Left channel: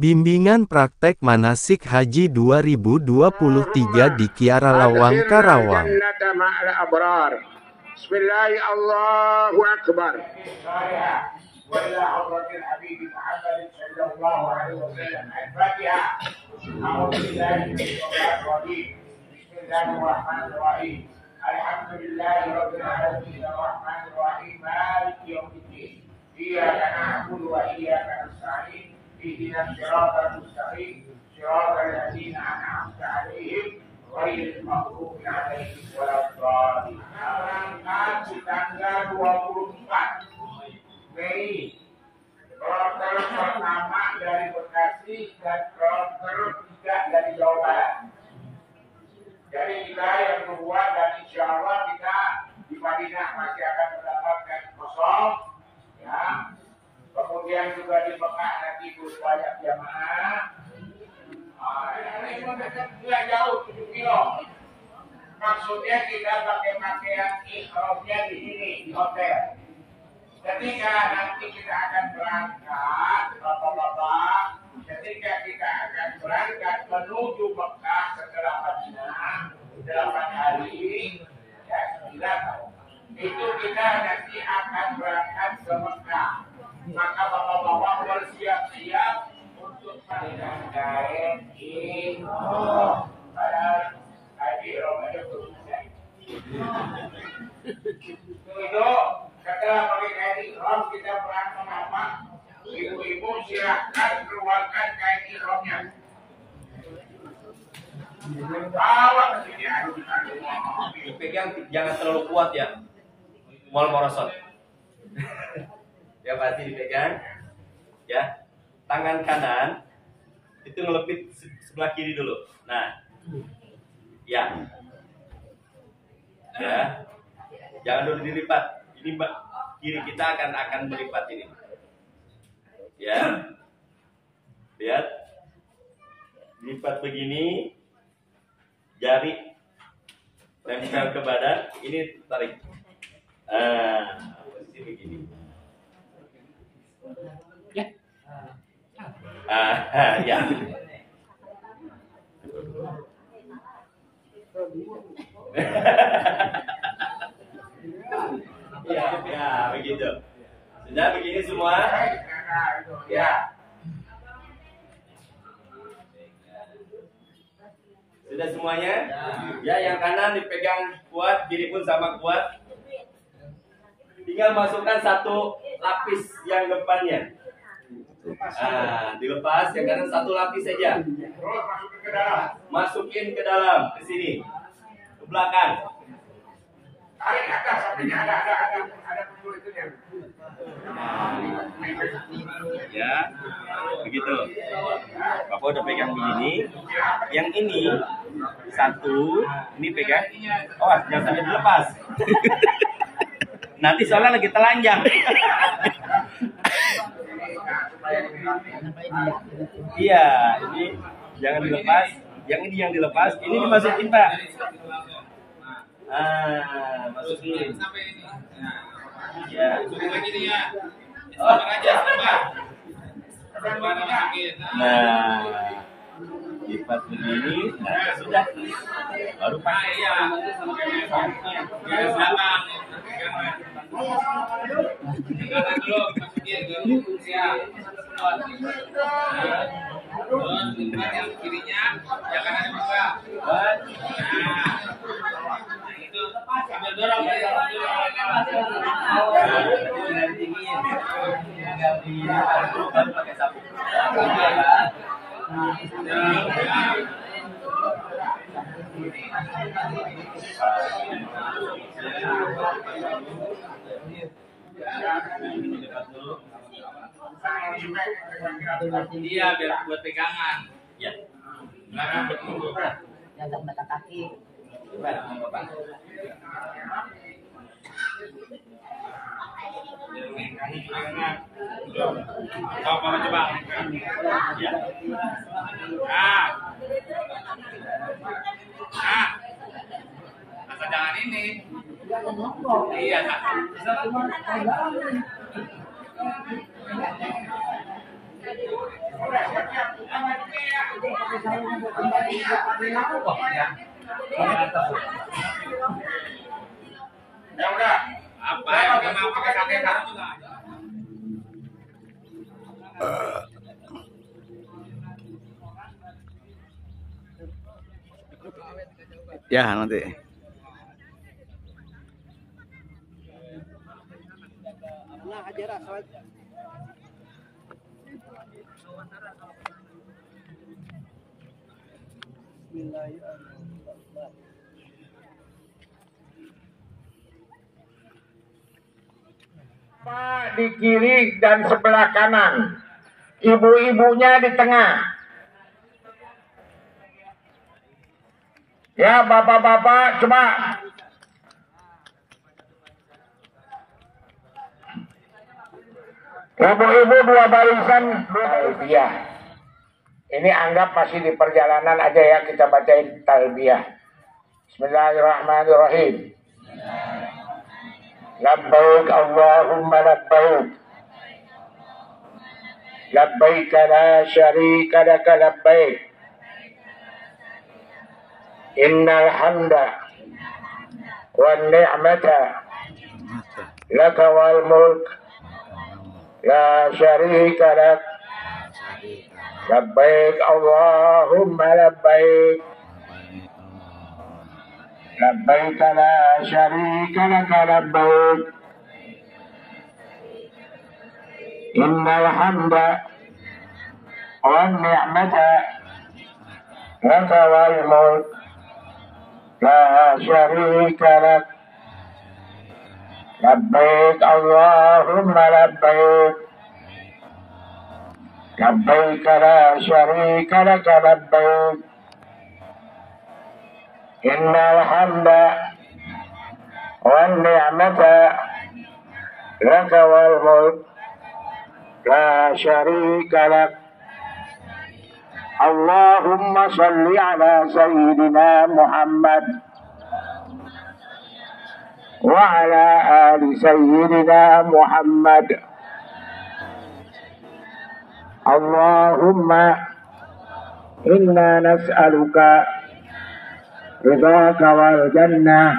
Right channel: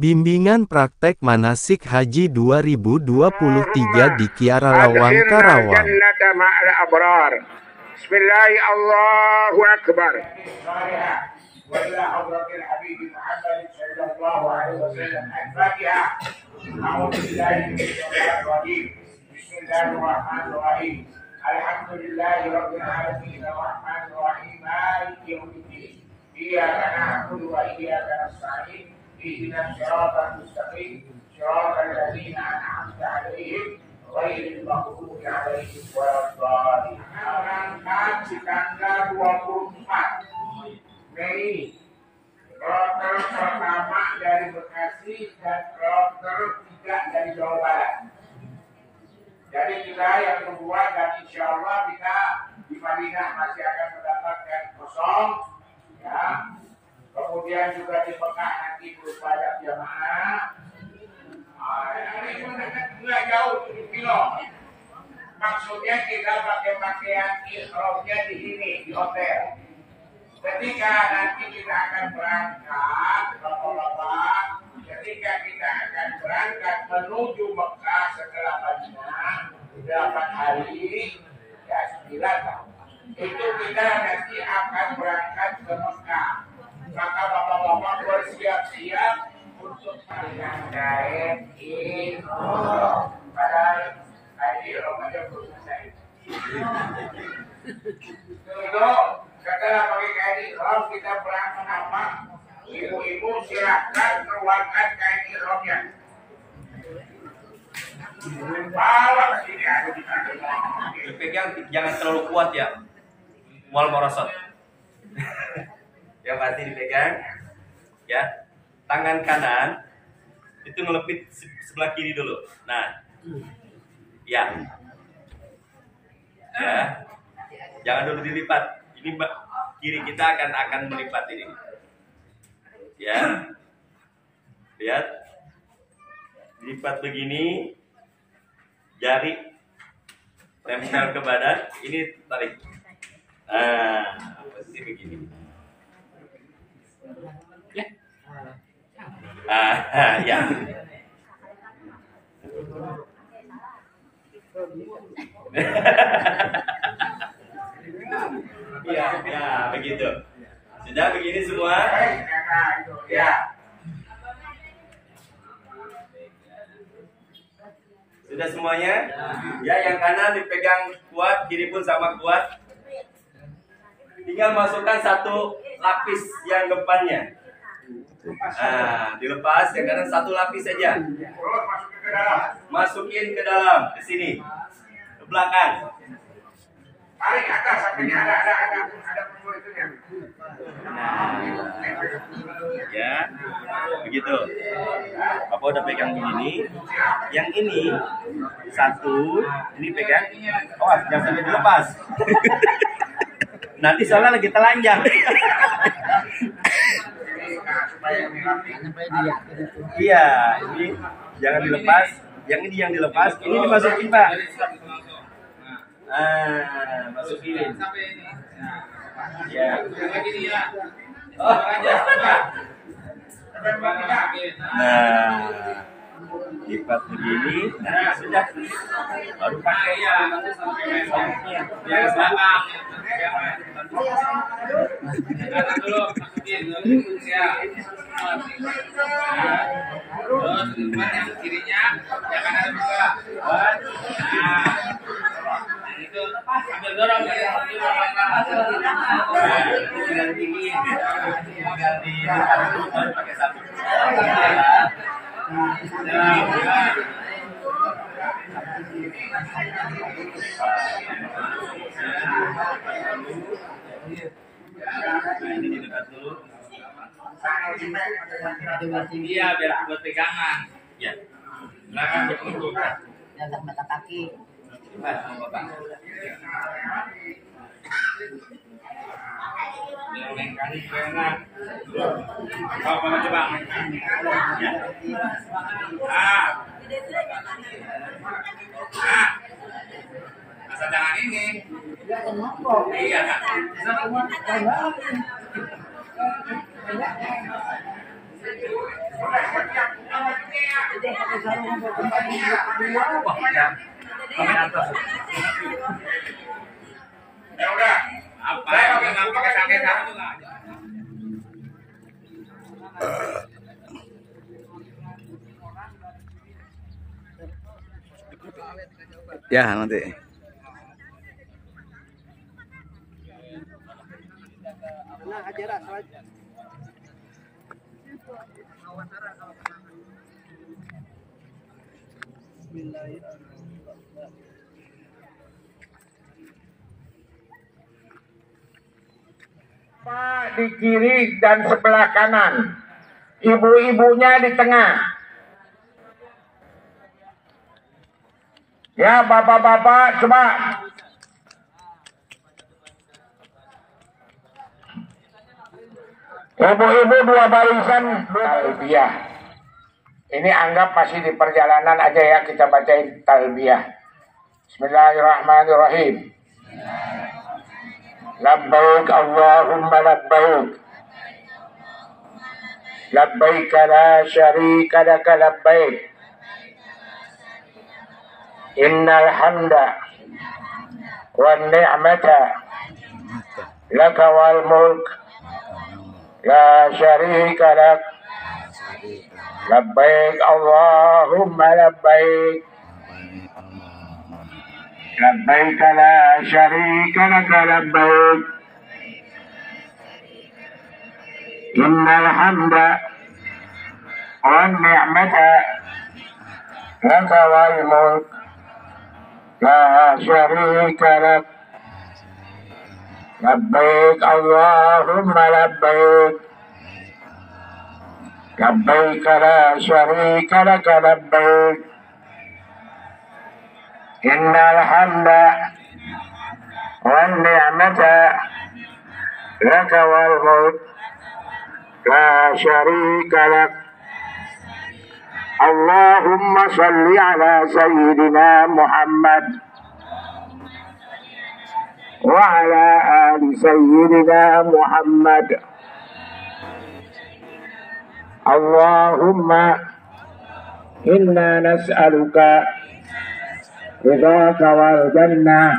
Bimbingan praktek manasik haji 2023 di Kiara Lawang, Karawang. اهدنا الصراط المستقيم صراط الذين أنعمت عليهم غير المغضوب عليهم ولا الضالين. Berangkat di tanggal 24 Mei, kloter pertama dari Bekasi dan kloter 3 dari Jawa Barat. Jadi kita yang kedua dan insya Allah kita di Madinah masih akan mendapatkan kosong, ya. Kemudian juga di Mekah nanti banyak jamaah. Ini nggak jauh 7 kilo. Maksudnya kita pakai pakaian ihramnya di sini di hotel. Ketika nanti kita akan berangkat, bapak-bapak, ketika kita akan berangkat menuju Mekah setelah Madinah 8 hari, ya 9 tahun. Itu kita nanti akan berangkat ke Mekah. Maka bapak-bapak bersiap-siap untuk dengan kain ihram. Padahal kain ihram aja belum selesai. Itu setelah pakai kain ihram kita berangkat apa? Ibu-ibu silakan keluarkan kain ihramnya. Bawa ke sini aduh dipegang jangan terlalu kuat ya. Wal morosot. Yang pasti dipegang ya, tangan kanan itu ngelepit sebelah kiri dulu. Nah, ya, jangan dulu dilipat. Ini kiri kita akan melipat ini. Ya, lihat, dilipat begini, jari tempel ke badan, ini tarik. Posisi begini. Ya. Ya, begitu. Sudah begini semua? Ya. Sudah semuanya? Ya, yang kanan dipegang kuat, kiri pun sama kuat. Tinggal masukkan satu lapis yang depannya. Dilepas, yang kanan satu lapis saja. Terus masukin ke dalam. Masukin ke dalam, ke sini, ke belakang. Tarik atas, sampingnya ada penjuru itunya. Ya, begitu. Bapak udah pegang begini. Yang ini satu, ini pegang. Oh, jangan sampai dilepas. Nanti soalnya lagi telanjang. Iya, ini jangan dilepas. Yang ini yang dilepas, ini dimasukin, Pak. Masukin. Ya. Nah, lipat begini. Nah, sudah. Baru pakai ya. Terus tempat yang kirinya yang kanan juga. Itu sambil dorong ya. Tinggal dingin. Tinggal dilipat dulu baru pakai sapu. Ini didekat dulu. Iya, biar buat pegangan. Ya. Belakang bertunggu. Jangan mata kaki. Coba sama Bapak. Coba. Ya. Asal jangan ini. Iya. Udah siap-siap. Ya udah. Apa yang nggak pakai kakek sekarang tuh nggak? Ya nanti. Pak di kiri dan sebelah kanan, ibu-ibunya di tengah. Ya bapak-bapak coba. Ibu-ibu dua barisan talbiyah. Ini anggap masih di perjalanan aja ya, kita bacain talbiyah. Bismillahirrahmanirrahim. Labbaik Allahumma labbaik. Labbaik la syarika laka labbaik. Innal hamda wan ni'mata laka wal mulk la syarika lak. Labbaik Allahumma labbaik. Labbaik la syarika laka labbaik. Innal hamda wan ni'mata laka wal mulk la syarika lak. Labbaik Allahumma labbaik. Labbaik la syarika laka labbaik. Innal hamda wan ni'mata laka wal mulk la syarika lak. Allahumma salli ala sayyidina Muhammad wa ala ali sayyidina Muhammad. Allahumma inna nas'aluka ridhaka wal jannah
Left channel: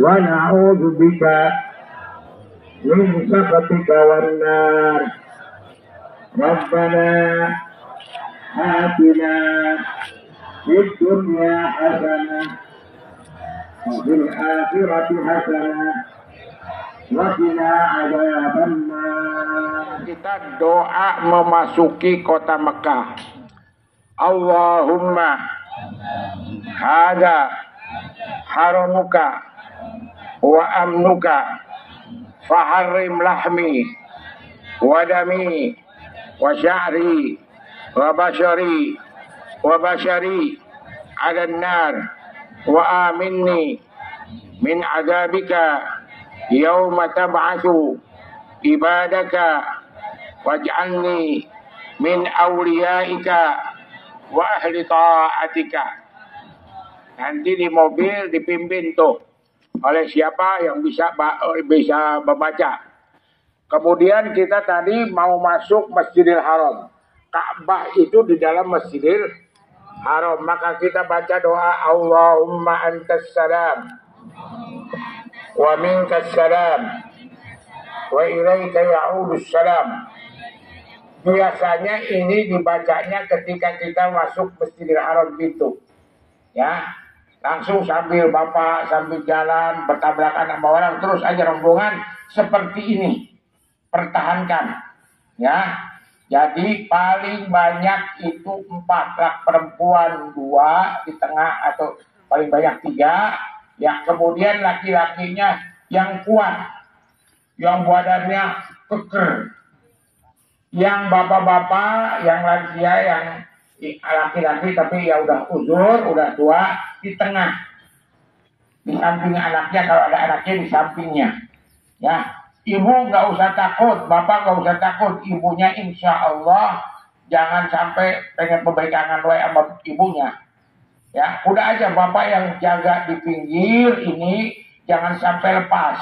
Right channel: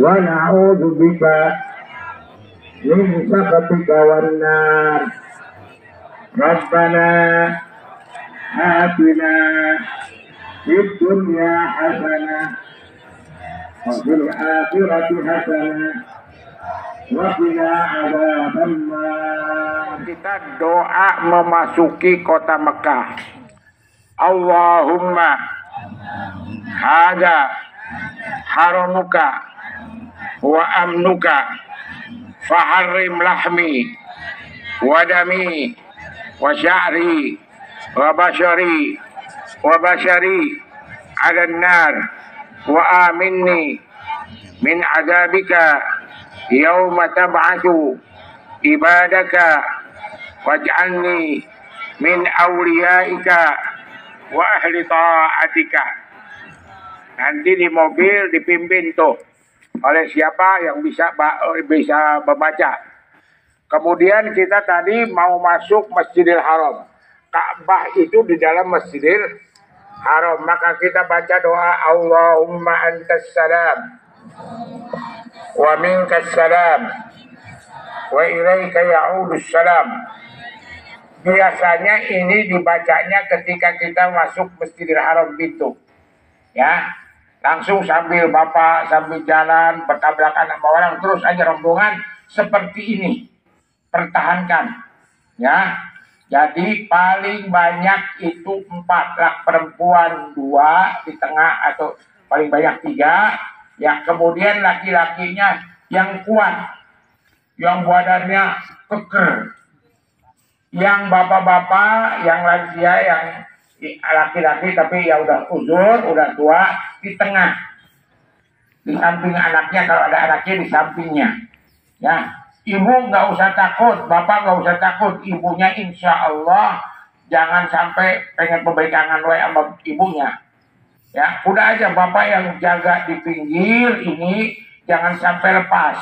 wa na'udzu bika min sakhatika wan nar. Rabbana atina fid dunya hasanah wa fil akhirati hasanah wa qina adzabannar. Kita doa memasuki kota Mekah. Allahumma hada haramuka wa amnuka faharrim lahmi wa dami wa sya'ri wa bashari ala nar wa aminni min adabika yawma tab'atsu ibadaka waj'alni min awliyaika wa ahli ta'atika. Nanti di mobil dipimpin tuh oleh siapa yang bisa membaca. Kemudian kita tadi mau masuk Masjidil Haram. Ka'bah itu di dalam Masjidil Haram. Maka kita baca doa Allahumma antas salam wa minkas salam wa ilaika ya'udus salam. Biasanya ini dibacanya ketika kita masuk Masjidil Haram pintu. Ya, langsung sambil bapak sambil jalan bertabrakan sama orang terus aja rombongan seperti ini. Pertahankan. Ya. Jadi paling banyak itu 4, lak perempuan 2 di tengah atau paling banyak 3. Ya, kemudian laki-lakinya yang kuat. Yang badannya keker. Yang bapak-bapak, yang lansia, yang laki-laki tapi ya udah uzur, udah tua, di tengah. Di samping anaknya, kalau ada anaknya di sampingnya. Ya, ibu nggak usah takut, bapak nggak usah takut. Ibunya insya Allah jangan sampai pengen pegangan sama ibunya. Ya, udah aja bapak yang jaga di pinggir ini, jangan sampai lepas.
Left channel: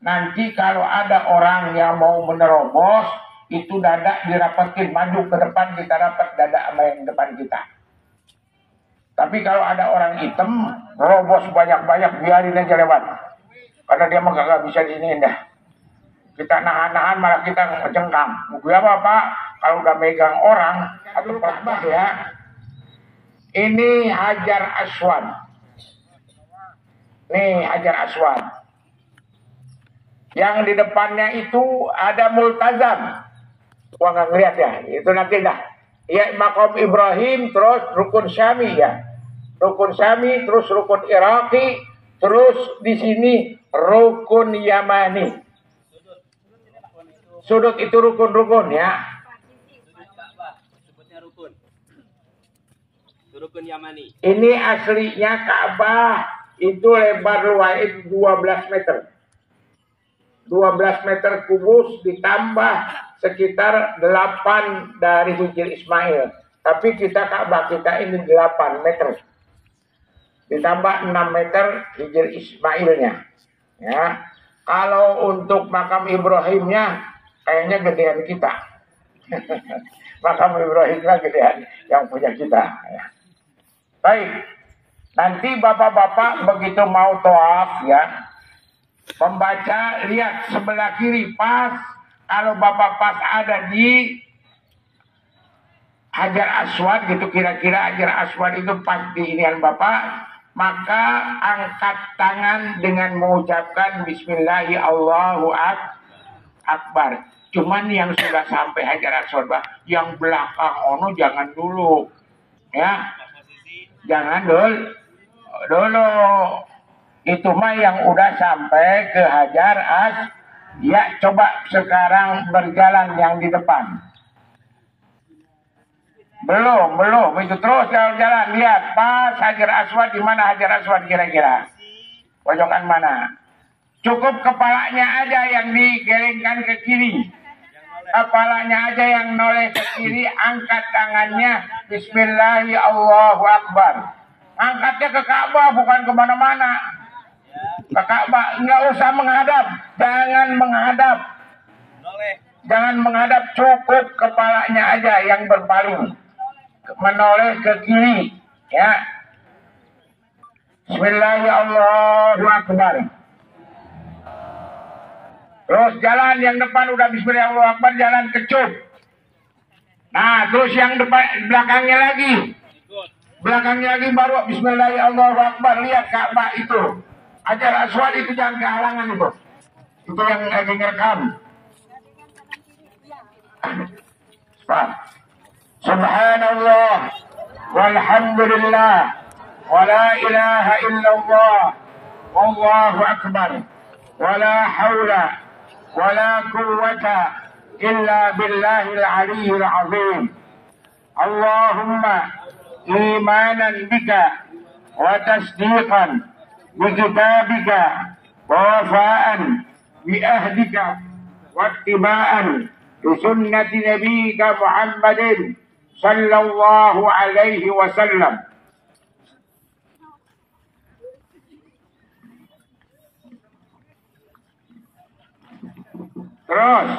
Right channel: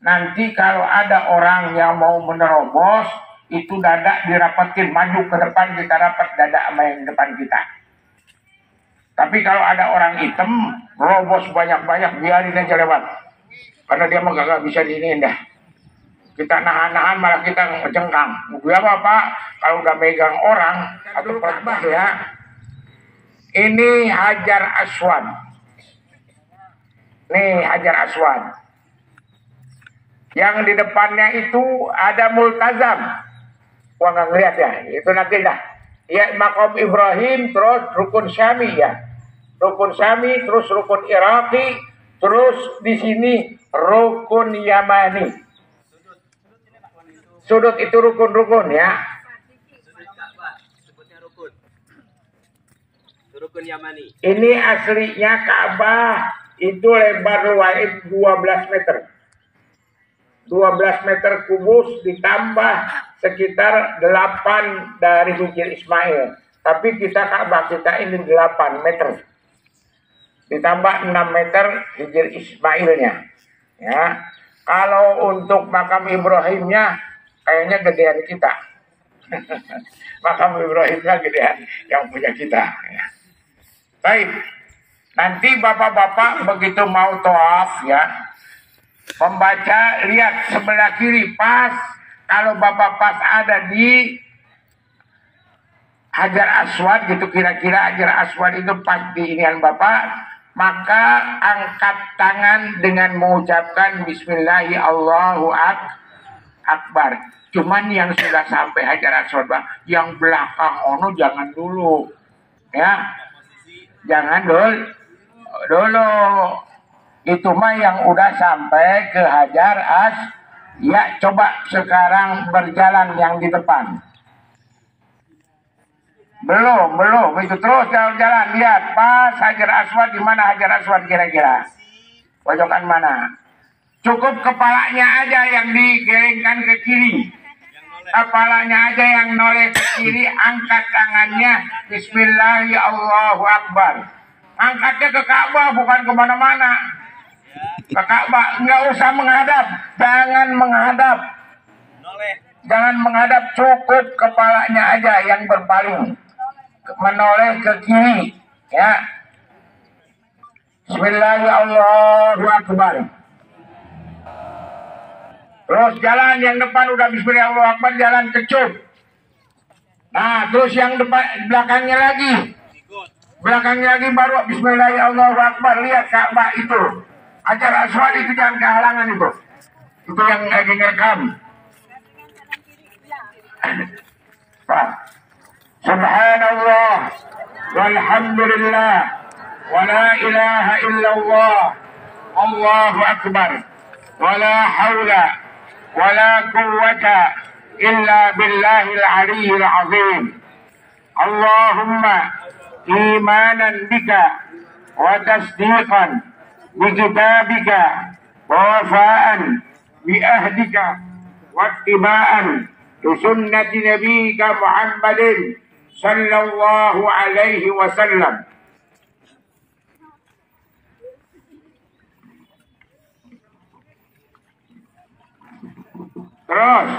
Nanti kalau ada orang yang mau menerobos, itu dada dirapetin maju ke depan, kita rapat dada sama yang depan kita. Tapi kalau ada orang hitam robos banyak-banyak, biarin aja lewat, karena dia mah gak bisa diiniin dah. Kita nahan-nahan malah kita ngejengkang. Gue apa kalau udah megang orang atau Ka'bah ya. Ini Hajar Aswad. Nih Hajar Aswad. Yang di depannya itu ada Multazam. Wah nggak ngeliat ya, itu nanti dah. Ya Maqam Ibrahim, terus Rukun Syami ya. Rukun Syami, terus Rukun Iraqi, terus di sini Rukun Yamani. Sudut itu rukun-rukun ya. Sebutnya rukun. Rukun Yamani. Ini aslinya Ka'bah itu lebar luas 12 meter. 12 meter kubus ditambah sekitar 8 dari Hijr Ismail. Tapi kita Ka'bah kita ini 8 meter. Ditambah 6 meter Hijr Ismailnya. Ya. Kalau untuk makam Ibrahimnya kayaknya gedean kita. Makam Ibrahimnya gedean yang punya kita. Ya. Baik. Nanti bapak-bapak begitu mau tawaf ya, membaca, lihat sebelah kiri pas. Kalau bapak pas ada di Hajar Aswad gitu, kira-kira Hajar Aswad itu pas di inian bapak, maka angkat tangan dengan mengucapkan Bismillahi Allahu Akbar. Cuman yang sudah sampai Hajar Aswad, yang belakang ono jangan dulu, ya, jangan dulu. Itu mah yang udah sampai ke Hajar ya, coba sekarang berjalan yang di depan. Belum, itu terus jalan-jalan, lihat pas Hajar Aswad, di mana Hajar Aswad kira-kira? Pojokan mana? Cukup kepalanya aja yang digelengkan ke kiri. Kepalanya aja yang noleh ke kiri, angkat tangannya Bismillahi Allahu Akbar. Angkatnya ke Ka'bah, bukan kemana-mana. Ke Ka'bah, nggak usah menghadap, jangan menghadap. Jangan menghadap, cukup kepalanya aja yang berpaling, menoleh ke kiri, ya. Bismillahi Allahu Akbar. Terus jalan yang depan udah Bismillahi Allahu Akbar, jalan kecup. Nah, terus yang depan belakangnya lagi baru Bismillahi Allahu Akbar. Lihat Ka'bah itu, Hajar Aswad itu jangan kehalangan itu yang lagi ngerekam. Subhanallah walhamdulillah wala ilaha illallah wallahu akbar wala haula wala quwwata illa billahil aliyyil azim. Allahumma imanan bika wa tasdiqan bi kitabika wa wafa'an bi ahdika wa ittiba'an bi sunnati nabiyyika Muhammadin sallallahu alaihi wasallam. Terus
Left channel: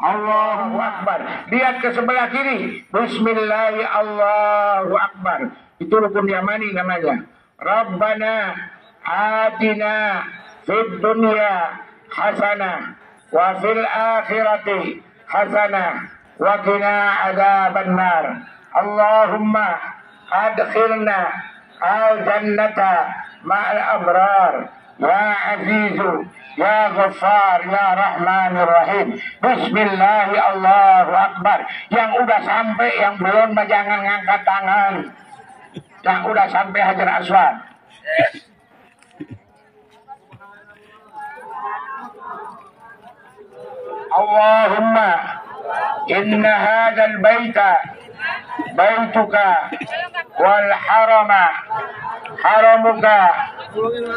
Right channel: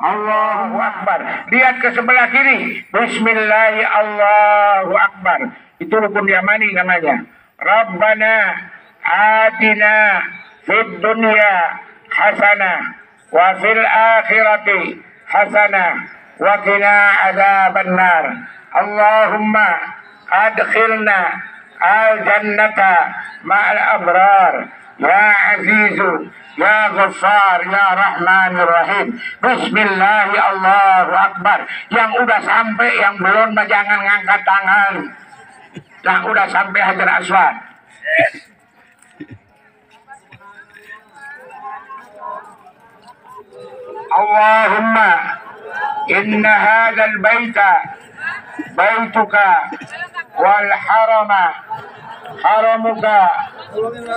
Allahu Akbar. Lihat ke sebelah kiri. Bismillahi Allahu Akbar. Itu rukun Yamani namanya. Rabbana atina fid dunya hasanah wa fil akhirati hasanah wa qina adzaban nar. Allahumma adkhilna al jannata ma'al abrar. Ya Azizu, Ya Ghaffar, Ya Rahmanir Rahim. Bismillahi Allahu Akbar. Yang udah sampai, yang belum jangan ngangkat tangan. Yang udah sampai Hajar Aswad. Allahumma inna hadzal baita baituka wal harama haramuka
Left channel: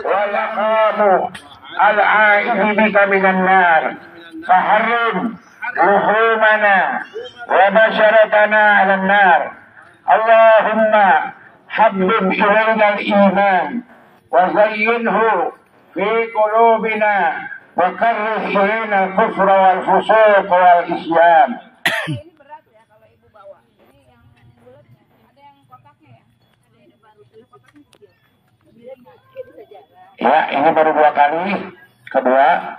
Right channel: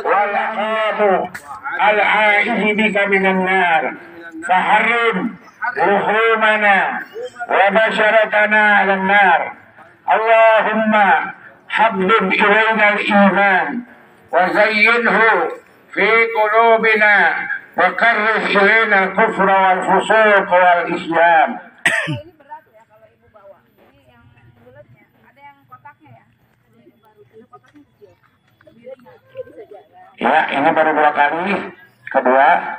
wal aqamu al-aizu bika minan nar faharrim luhumana wa basharatana ala nar. Allahumma habbib ilayna al-iman wa zayyinhu fi qulubina Wakarrih ilaina al-kufra wal-fusuq wal-isyan. Ini berat ya kalau ibu bawa. Ini yang bulatnya, ada yang kotaknya ya. Ini kotaknya kecil. Lebih ringan, bisa jalan. Ya, ini baru 2 kali. Kedua,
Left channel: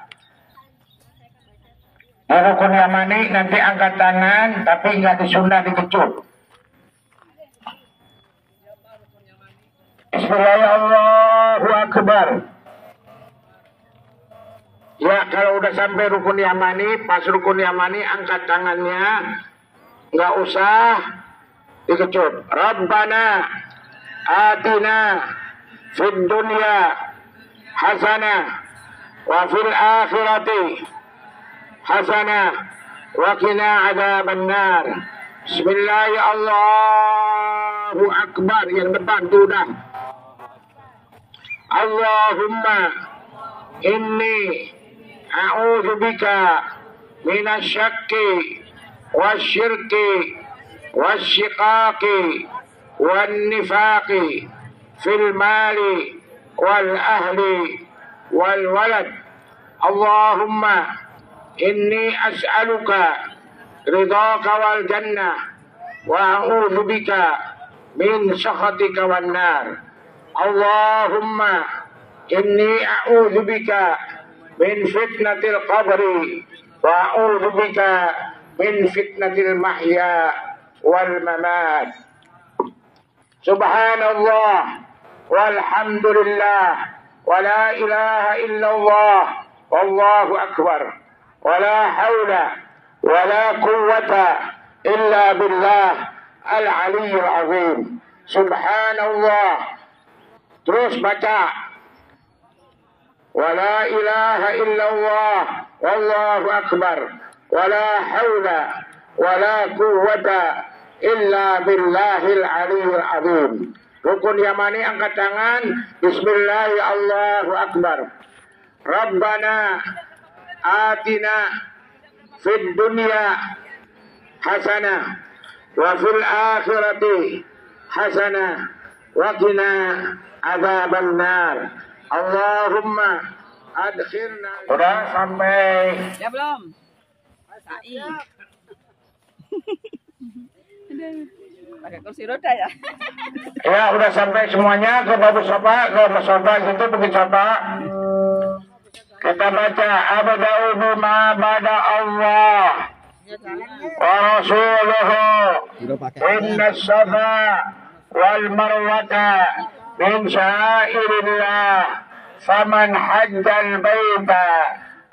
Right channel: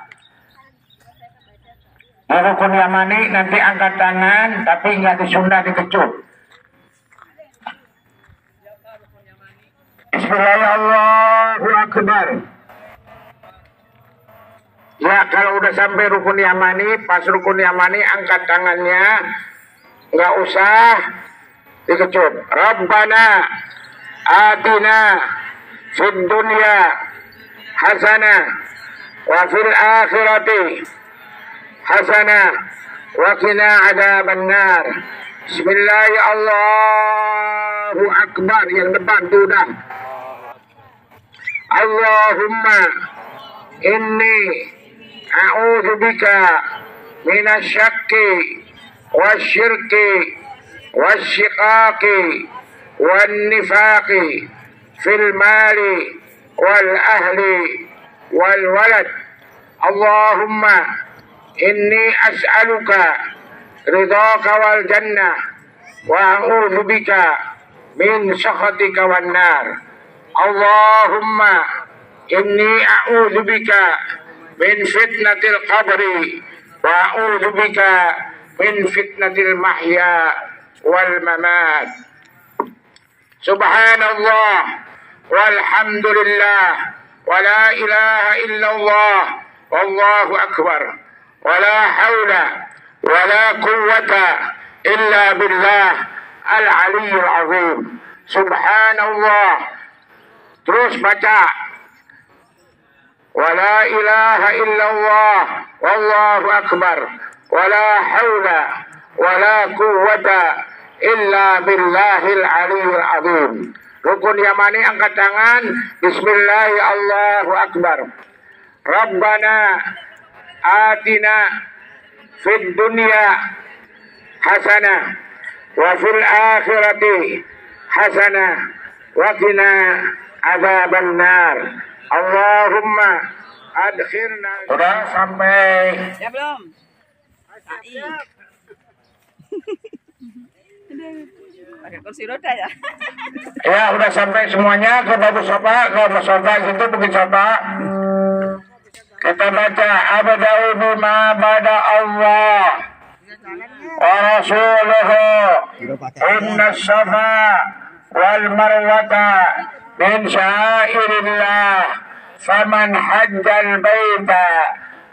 di rukun yamani nanti angkat tangan, tapi nggak disunda, dikecup. Bismillahirrahmanirrahim. Allahu Akbar. Ya, kalau udah sampai rukun yamani, pas rukun yamani angkat tangannya, nggak usah dikecup. Rabbana atina fid dunya hasanah wa fil akhirati hasanah wa qina adzabannar. Bismillahirrahmanirrahim. Allahu Akbar. Yang depan itu udah. Allahumma inni a'udzubika minasyakki wasyirki wasyiqaqi wan nifaqi fil mali wal ahli wal walad. Allahumma inni as'aluka ridhaka wal jannah wa a'udzubika min sakhatika wan nar. Allahumma inni a'udzubika min fitnatil qabri wa a'udzubika min fitnatil mahya wal mamat. Subhanallah walhamdulillah wa la ilaha illallah wallahu akbar wa la hawla wa la quwwata illa billah al-aliyyil azim. Subhanallah. Terus baca. Wa la ilaha illallah wallahu akbar wa la hawla wa la quwwata illa billahil aliyyil azim. Rukun yamani angkat tangan. Bismillahi Allahu akbar. Rabbana atina fid dunya hasanah wa fil akhirati hasanah wa qina adzaban nar. Allahumma adkhirna. Sudah sampai. Ya belum? Pakai kursi roda ya? Ya, udah sampai semuanya ke Babu Sofa, ke Mas Sofa itu Bukit Sofa. Kita baca abda'u bima bada Allah wa rasuluhu inna safa wal marwata min syairillah faman hajjal baita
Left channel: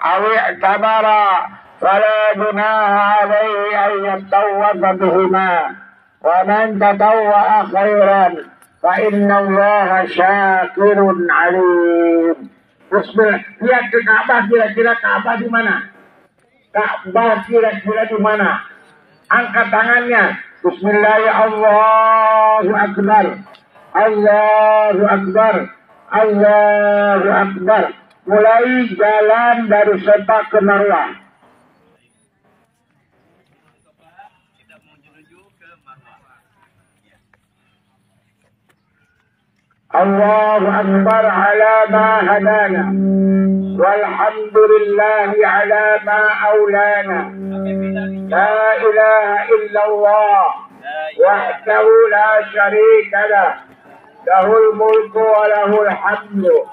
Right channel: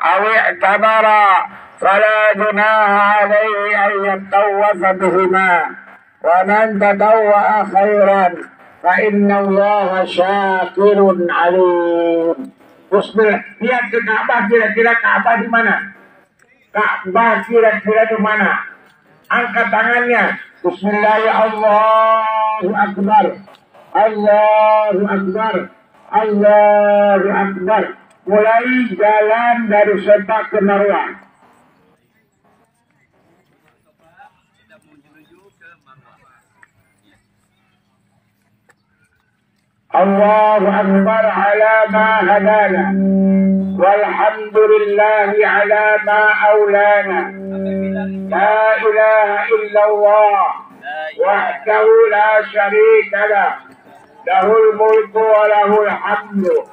aw i'tamara fala junaha alaihi an yatawafa bihima wa man tatawwa'a khairan fa inna allaha syakirun alim. Bismillah. Lihat ke Ka'bah, kira-kira Ka'bah di mana? Ka'bah kira-kira di mana? Angkat tangannya. Bismillahirrahmanirrahim. Allahu akbar. Allahu akbar. Allahu akbar. Mulai jalan dari Safa ke Marwah. Allahu akbar ala ma hadana. Walhamdulillahi ala ma aulana. La ilaha illallah. Wahdahu la syarika lah. Lahul mulku wa lahul hamdu.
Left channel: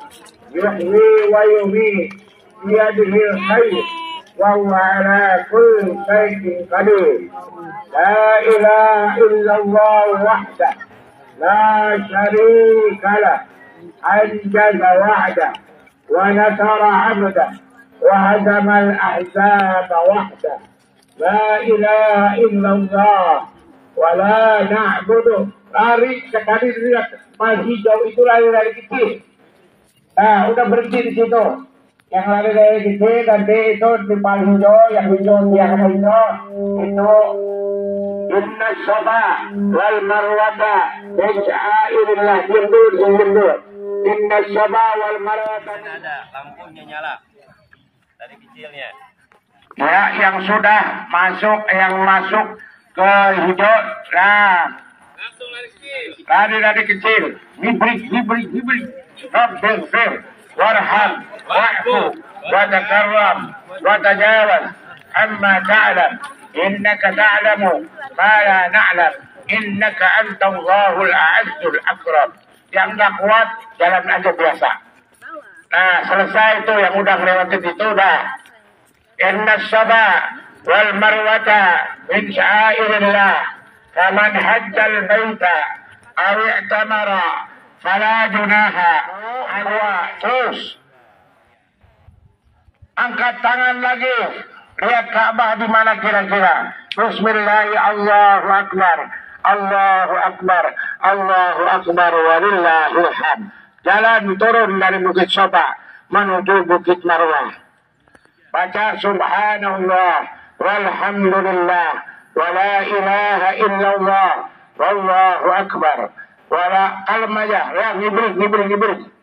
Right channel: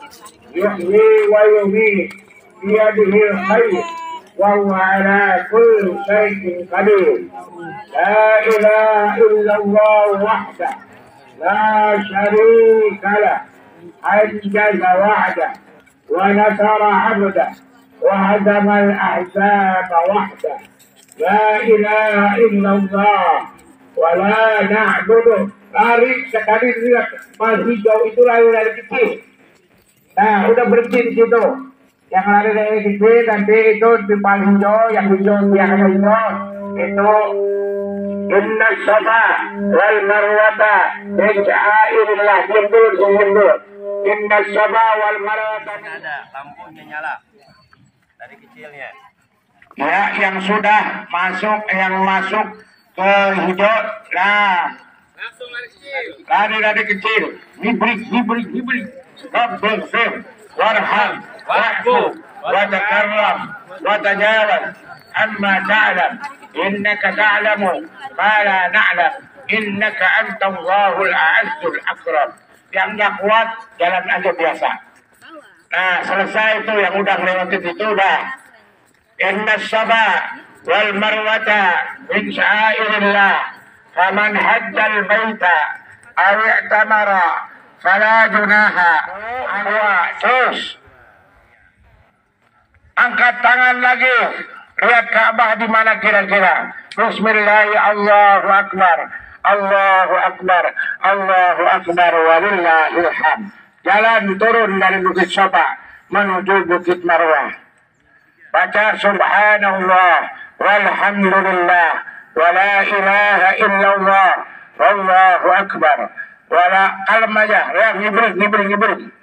Yuhyi wa yumiit. Biyadihil khair. Wa huwa ala kulli syai'in qadir. La ilaha illallah wahdah. لا شريك له أنجز وعده ونصر عبده وهزم الأحزاب وحده لا إله إلا الله ولا نعبد. Lari sekali lihat mal hijau itu lari kecil. Nah, udah berhenti di situ. Yang lari dari kecil nanti itu di mal hijau, yang hijau yang hijau itu inna safa wal marwata min syairillah. Diam dulu. Inna safa wal marwata. Ada lampunya nyala dari kecilnya. Ya, yang sudah masuk, yang masuk ke hijau, nah lari kecil. Hibrik. Rabbil fir warham wa'fu وتكرم وتجاوز عما تعلم إنك تعلم ما لا نعلم إنك أنت الله الأعز الأكرم. Yang nggak kuat jalan aja biasa. Nah selesai itu yang udah lewatin itu udah. Inna Safa wal Marwata min sya'airillah faman hajjal baita aw i'tamara fala junaha terus angkat tangan lagi, lihat Ka'bah di mana kira-kira. Bismillah, Allahu Akbar, Allahu Akbar, Allahu Akbar, walillahil hamd. Jalan turun dari Bukit Safa menuju Bukit Marwah. Baca Subhanallah, walhamdulillah, wa la ilaha illallah, wallahu akbar. Wala kalem aja, ya ngibrik.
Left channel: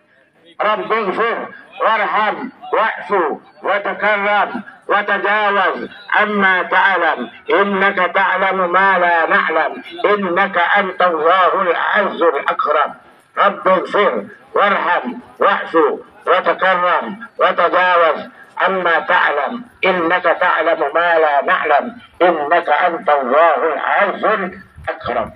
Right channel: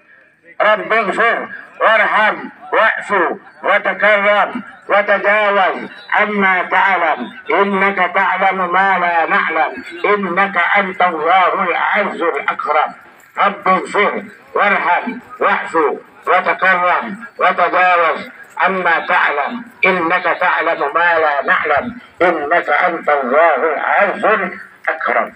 Rabbighfir warham wa'fu wa takarram wa tajawaz amma ta'lam innaka ta'lamu ma la na'lam innaka antallahul azzul akram. Rabbighfir warham wa'fu wa takarram wa tajawaz amma ta'lam innaka ta'lamu ma la na'lam innaka antallahul azzul akram.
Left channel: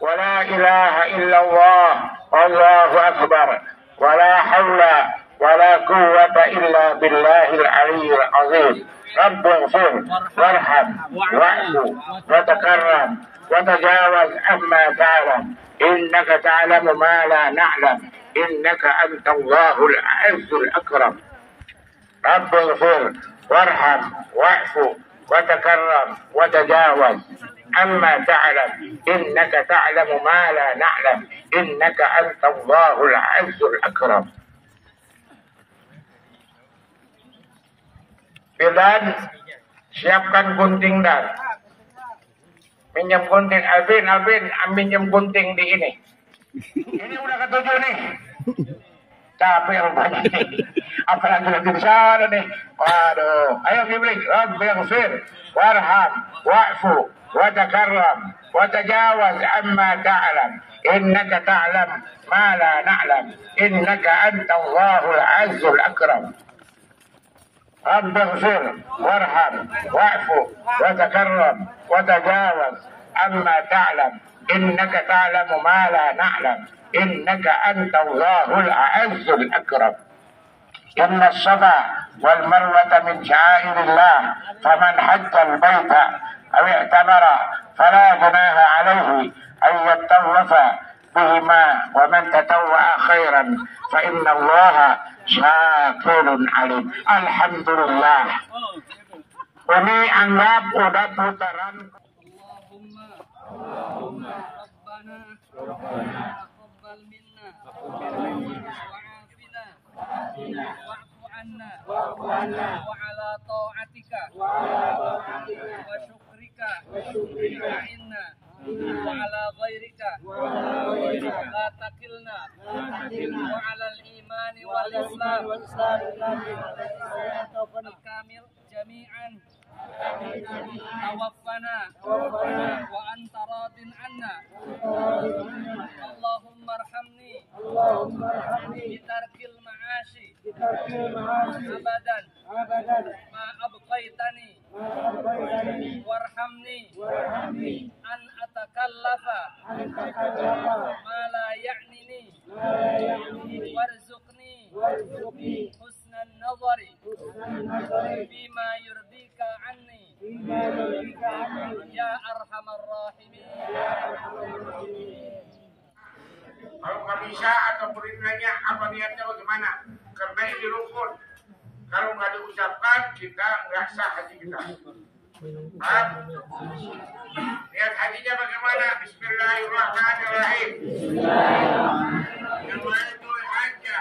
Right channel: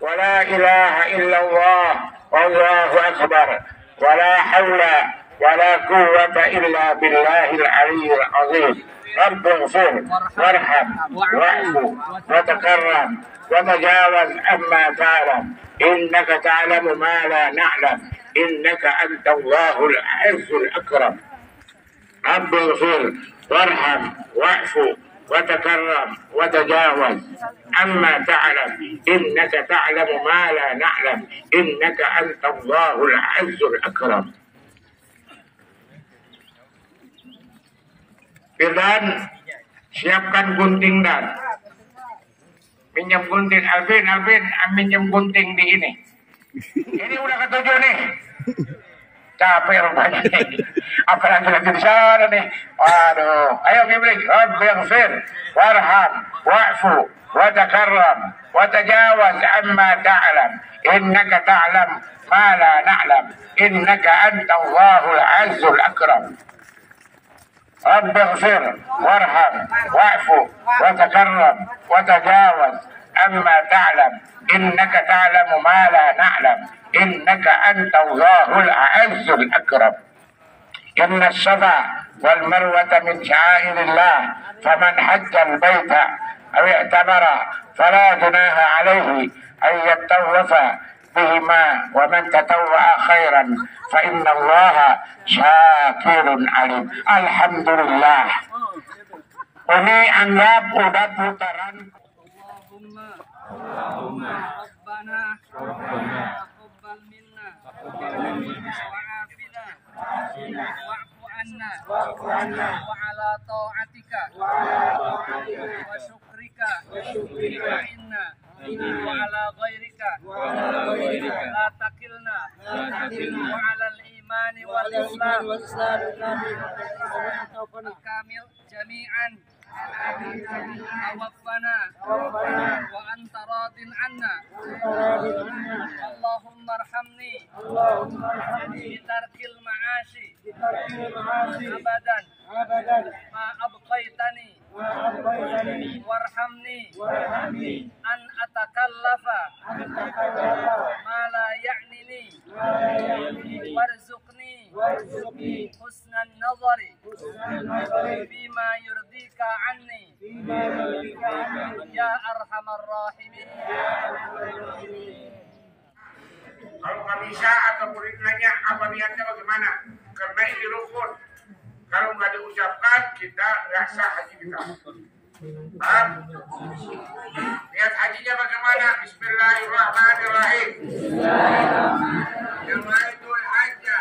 ولا إله إلا الله والله أكبر ولا حول ولا قوة إلا بالله العلي العظيم. رب اغفر وارحم واعف وتكرم وتجاوز عما تعلم إنك تعلم ما لا نعلم إنك أنت الله الأعز الأكرم. رب اغفر وارحم واعف وتكرم وتجاوز عما تعلم إنك تعلم ما لا نعلم إنك أنت الله العز الأكرم. Bidan, siapkan gunting dan minjem gunting. Alvin, minjem gunting di ini. Ini udah ketujuh nih. Capek rupanya nih. Apa yang terjadi di sana nih? Waduh. Ayo ngibrik. Rabbighfir warham wa'fu wa takarram wa tajawaz amma ta'lam innaka ta'lam ma la na'lam innaka anta Allahul azzul akram. Rabbighfir warham wa'fu wa takarram wa tajawaz amma ta'lam innaka ta'lamu ma la na'lam innaka anta Allahul azzul akram. إن الصفا والمروة من شعائر الله فمن حج البيت أو اعتمر فلا جناح عليه أن يطوف بهما ومن تطوع خيرا فإن الله شاكر عليم. Alhamdulillah. Ini anggap udah putaran. Allahumma Rabbana taqabbal minna wa'afina wa'fu anna wa ala ta'atika wa syukrika inna wa ala ghairika la takilna wa ala al-iman wal islam al-kamil jami'an tawaffana wa anta radin anna Allahumma arhamni bitarkil ma'ashi abadan ma abqaitani warhamni an atakallafa ma la ya'nini warzuqni husnan nazari bima yurdika anni ya arhamar rahimin. Kalau nggak bisa atau nanya apa niatnya bagaimana? Karena ini rukun. Kalau nggak diucapkan kita nggak sah haji kita. Paham? Niat hajinya bagaimana? Bismillahirrahmanirrahim. Nawaitul hajja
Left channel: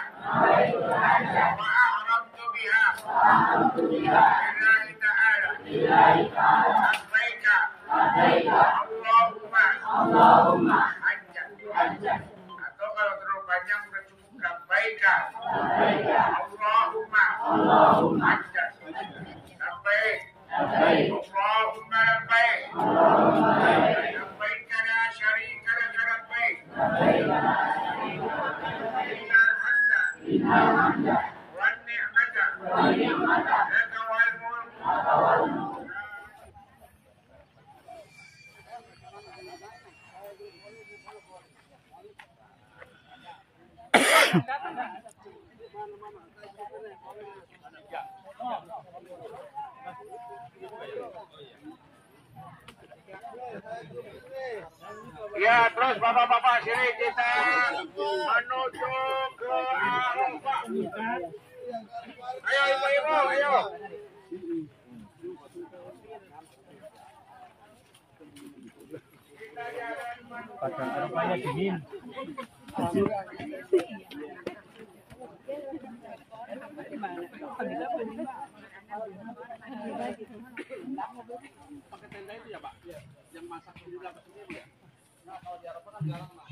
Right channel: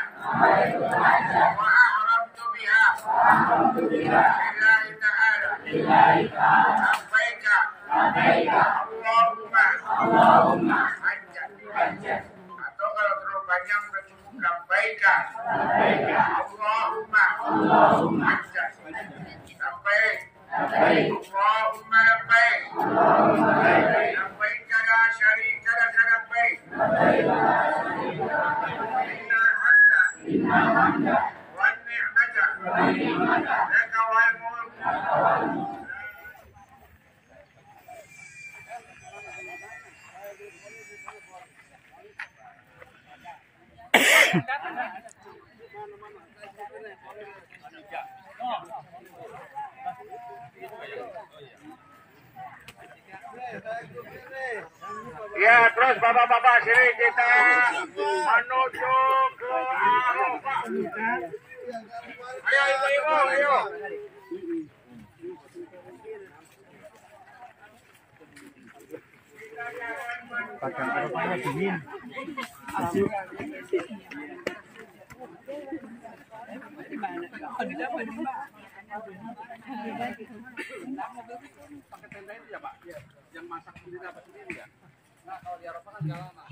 wa ahramtu biha lillahi ta'ala labbaika Allahumma hajjan. Atau kalau terlalu labbaika Allahumma hajjat labbaik Allahumma labbaik labbaik la syarika lak labbaik innal hamda wan ni'mata laka wal mulk Ya, terus bapak-bapak sini kita menuju ke Arafah. Ayo ibu-ibu, ayo. Padang Arafahnya dingin. Pakai tenda itu ya Pak? Yang masak sendiri dapat sendiri ya? Nah kalau di Arafah kan jalan Mas.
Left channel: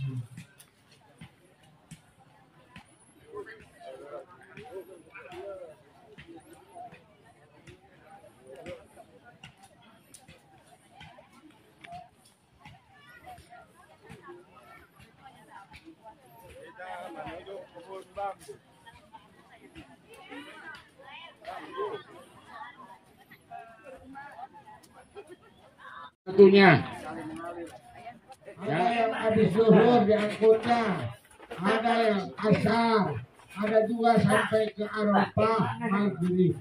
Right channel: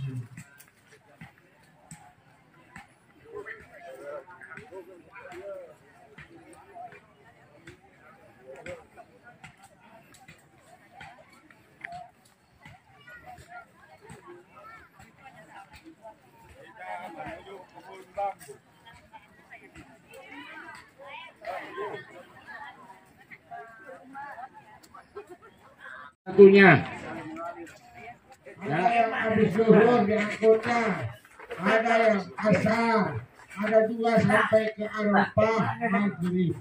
Satunya ya, yang habis zuhur diangkutnya, ada yang asar, ada juga sampai ke Arafah maghrib.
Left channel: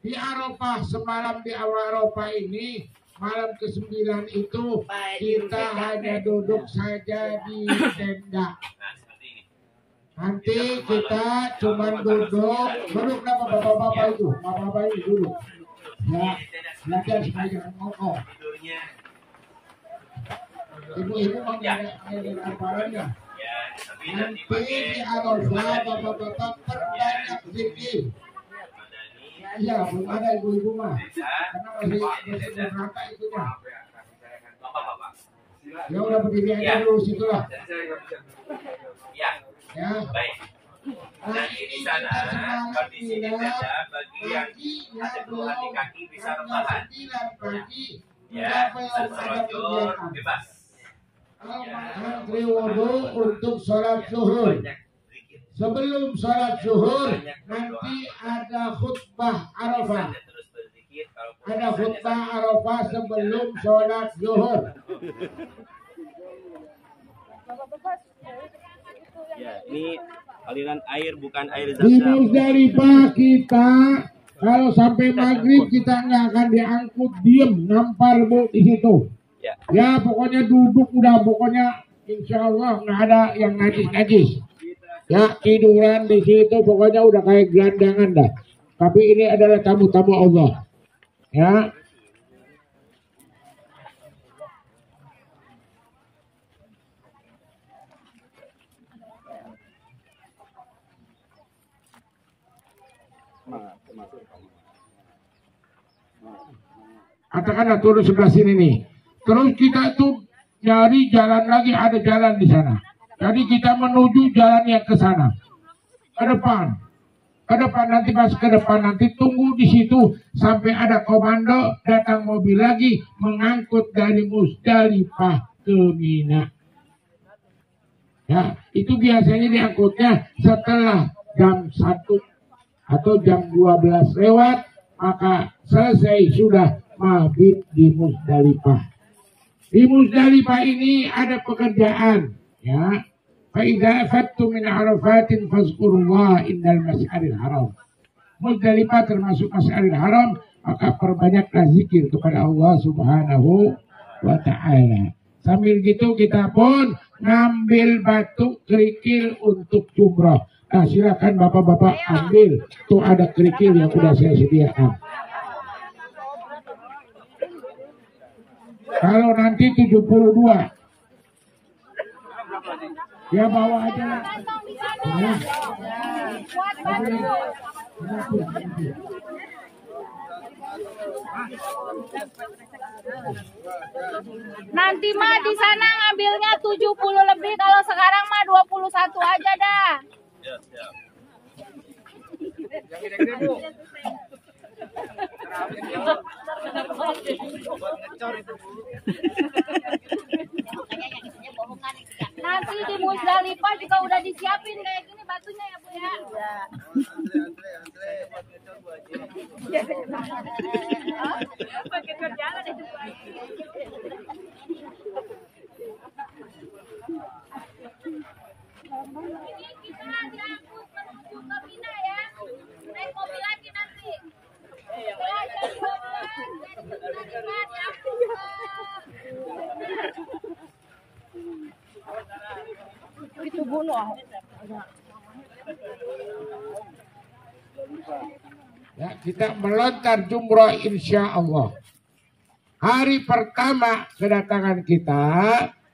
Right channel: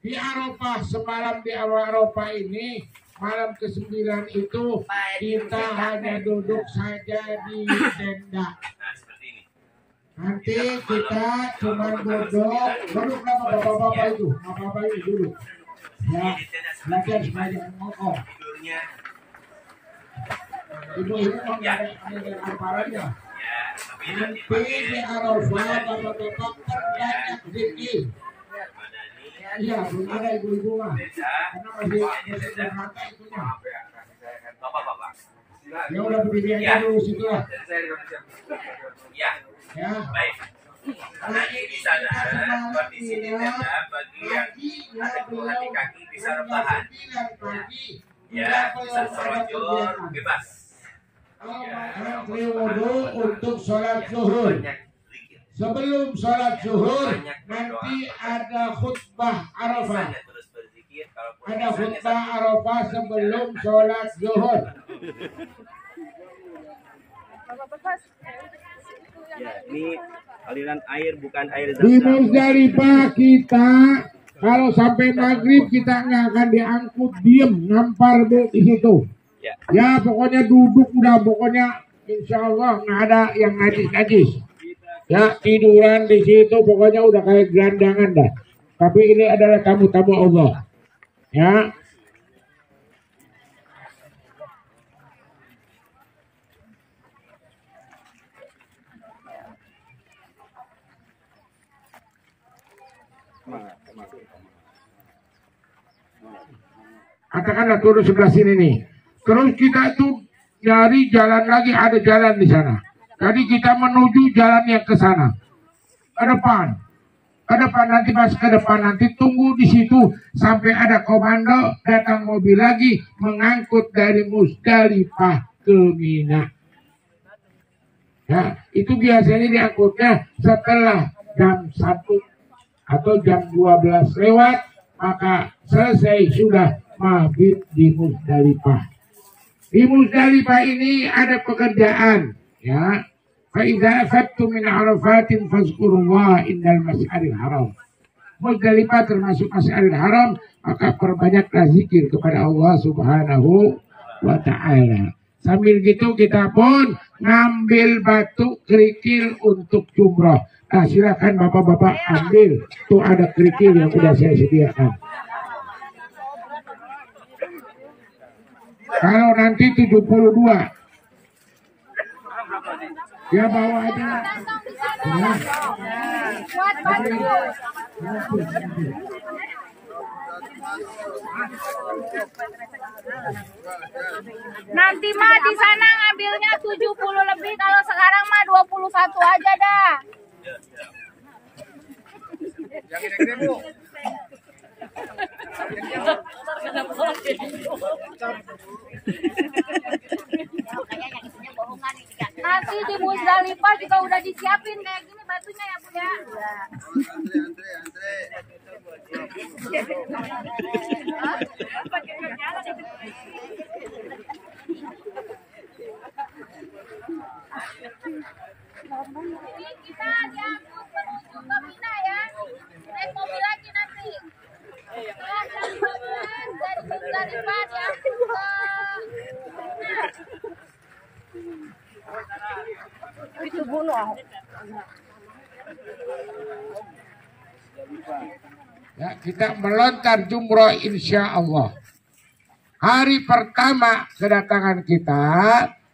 Di Arafah semalam di Arafah ini malam ke-9 itu kita hanya duduk saja di tenda. Nah, seperti ini. Nanti kita cuma duduk nama bapak-bapak itu, bapak-bapak itu duduk. Ya, belajar supaya jangan ngokok. Tidurnya. Ibu-ibu ada hafalannya. Ya, tapi nanti Nanti pakai di Arafah bapak-bapak perbanyak zikir. Madani. Iya, belum ada ibu-ibu mah. Desa. Karena masih rata itunya. Bapak-bapak. Ya udah berdiri aja dulu situ lah. Ya, Ya. baik. Nanti di sana kondisi di tenda bagi yang ada keluhan di kaki bisa rebahan. Ya, bisa selonjor bebas. Antri wudhu untuk sholat zuhur. Banyak zikir. Sebelum sholat zuhur nanti ada khutbah Arafah. Bisa terus berzikir kalaupun Ada misalnya khutbah Arafah sebelum sholat zuhur. Ya, ini aliran air bukan air Di zam-zam. Muzdalifah kita kalau sampai maghrib kita nggak akan diangkut, diem ngampar bu di situ. Ya. Ya pokoknya duduk udah, pokoknya insya Allah nggak ada yang najis-najis. Ya tiduran di situ pokoknya udah kayak gelandangan dah. Tapi ini adalah tamu-tamu Allah. Ya. Katakanlah turun sebelah sini nih. Terus kita itu cari jalan lagi, ada jalan di sana. Jadi kita menuju jalan yang ke sana. Ke depan. Ke depan nanti pas ke depan nanti tunggu di situ sampai ada komando datang mobil lagi mengangkut dari Muzdalifah ke Mina. Ya, itu biasanya diangkutnya setelah jam 1 atau jam 12 lewat, maka selesai sudah mabit di Muzdalifah. Di Muzdalifah ini ada pekerjaan, ya. Fa idza afattum min Arafatin fazkurullah indal mas'aril haram. Muzdalifah termasuk mas'aril haram, maka perbanyaklah zikir kepada Allah Subhanahu wa taala. Sambil gitu kita pun ngambil batu kerikil untuk jumrah. Nah, silakan bapak-bapak ambil. Tuh ada kerikil yang udah saya sediakan. Kalau nanti 72. Ya bawa aja. Nah. Nanti mah di sana ngambilnya 70 lebih, kalau sekarang mah 21 aja dah. Ya, siap. Yang gede-gede Bu. Nanti di Musdalifah juga udah disiapin kayak gini batunya ya Bu ya. Ini kita diangkut menuju ke Mina ya. Naik mobil lagi nanti. Setelah jam 12 dari Musdalifah diangkut ke itu bunuh. Ya, kita melontar jumroh insya Allah. Hari pertama kedatangan kita,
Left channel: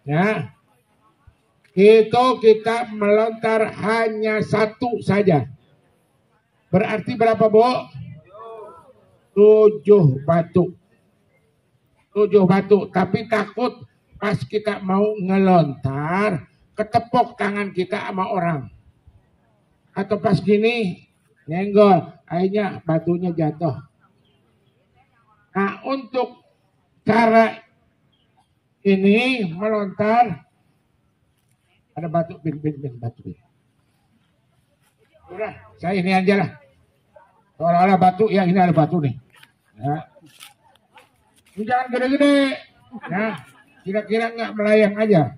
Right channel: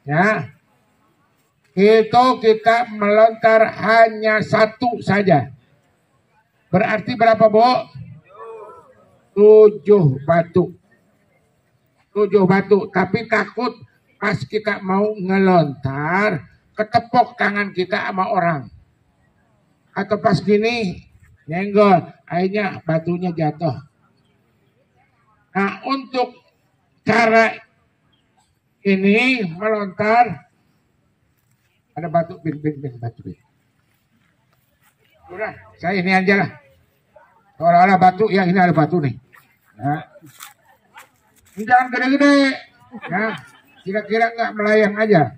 ya, itu kita melontar hanya satu saja. Berarti berapa, Bu? 7 batu. 7 batu. Tapi takut pas kita mau ngelontar, ketepok tangan kita sama orang. Atau pas gini, nyenggol, akhirnya batunya jatuh. Nah, untuk cara ini melontar, ada batu, bin, batu. Udah, saya ini aja lah. Kalau batu, ya ini ada batu nih. Nah, ini jangan gede-gede. Nah, kira-kira nggak melayang aja.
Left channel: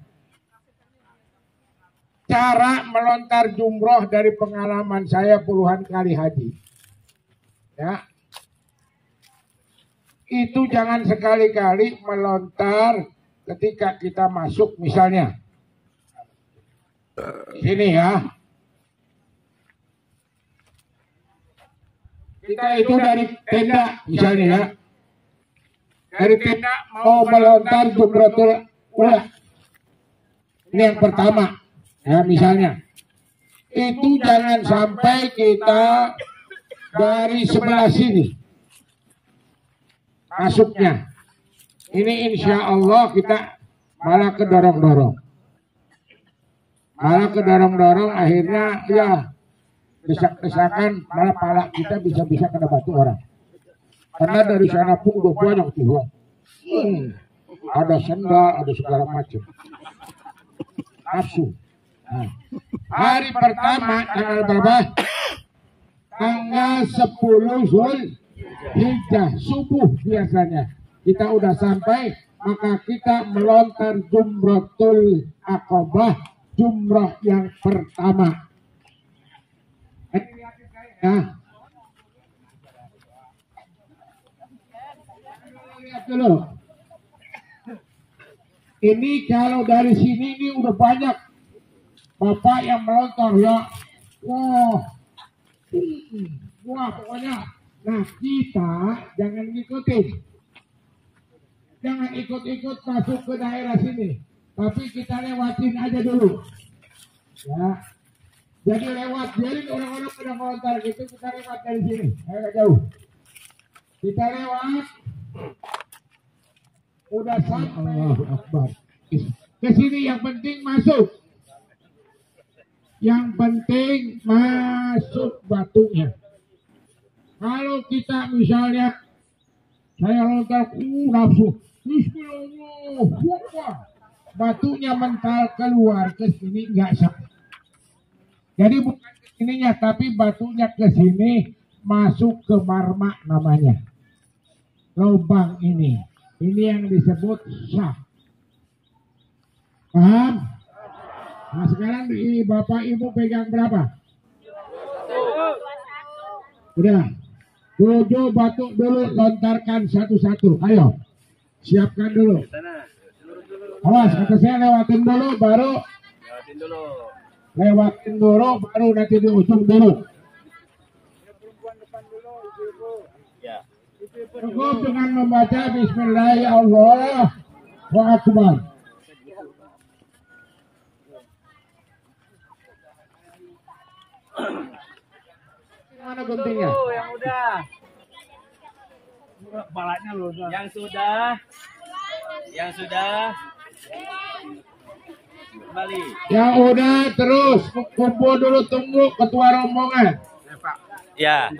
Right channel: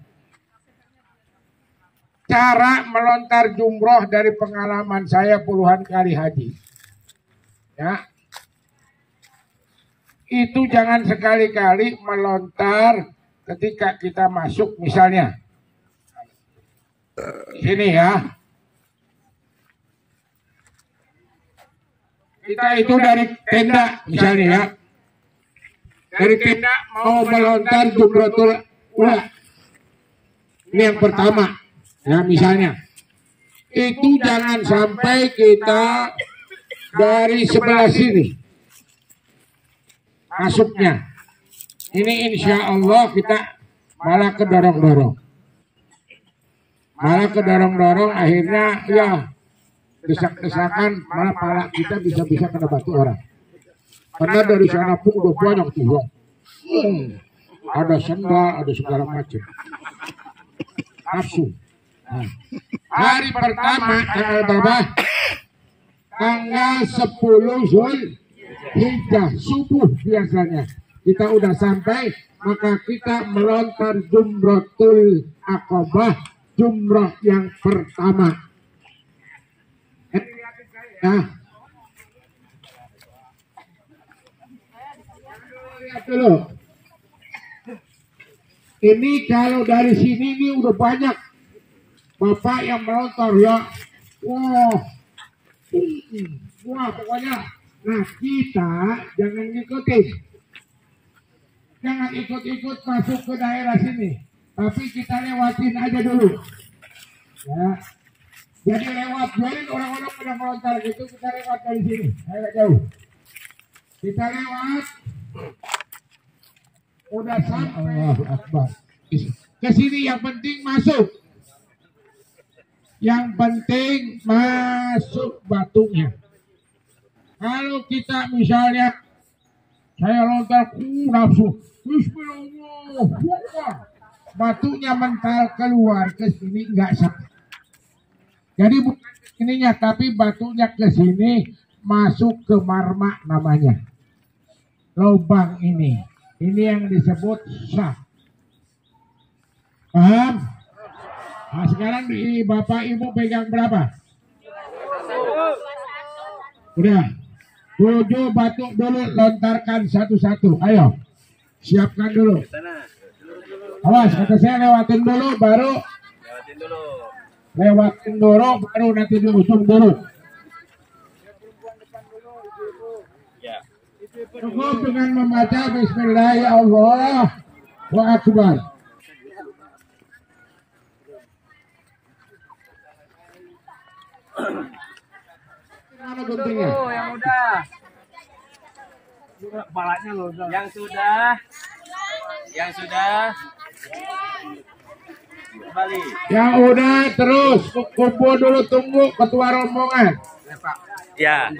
Cara melontar jumroh dari pengalaman saya puluhan kali haji. Ya. Itu jangan sekali-kali melontar ketika kita masuk misalnya. Sini ya. Kita itu dari tenda misalnya ya. Dari tenda mau melontar jumrotul ula. Ini yang pertama. Ya misalnya. Itu jangan sampai kita dari sebelah sini masuknya. Ini insya Allah kita malah kedorong-dorong. Akhirnya ya desak-desakan malah pala kita bisa-bisa kena batu orang. Karena dari sana pun udah banyak tuh. Ada sendal, ada segala macam. Nafsu. Nah, hari pertama tanggal berapa? Tanggal 10 Zulhijjah subuh biasanya. Kita udah sampai, maka kita melontar jumratul aqabah, jumrah yang pertama. Nah, lihat dulu. Ini kalau dari sini ini udah banyak bapak yang melontar ya. Wah pokoknya. Nah kita jangan ngikutin. Jangan ikut-ikut masuk ke daerah sini. Tapi kita lewatin aja dulu. Ya. Jadi lewat, biarin orang-orang pada melontar gitu, kita lewat dari sini. Agak jauh. Kita lewat. Udah sampai. Allahu Akbar. Ke sini yang penting masuk. Yang penting masuk batunya. Kalau kita misalnya saya lontar nafsu, Bismillah, batunya mental keluar ke sini nggak sah. Jadi bukan ke sininya, tapi batunya ke sini masuk ke marma namanya. Lubang ini yang disebut sah. Paham? Nah sekarang di Bapak Ibu pegang berapa? Udah. 7 batu dulu, lontarkan satu-satu. Ayo. Siapkan dulu. Awas, kata saya lewatin dulu baru. Lewatin dulu baru nanti diusung dulu. Cukup dengan membaca Bismillahirrahmanirrahim. Wa akbar. Mana guntingnya? Yang udah. Balanya loh. Yang sudah. Kembali. Ya udah terus kumpul dulu, tunggu ketua rombongan. Ya.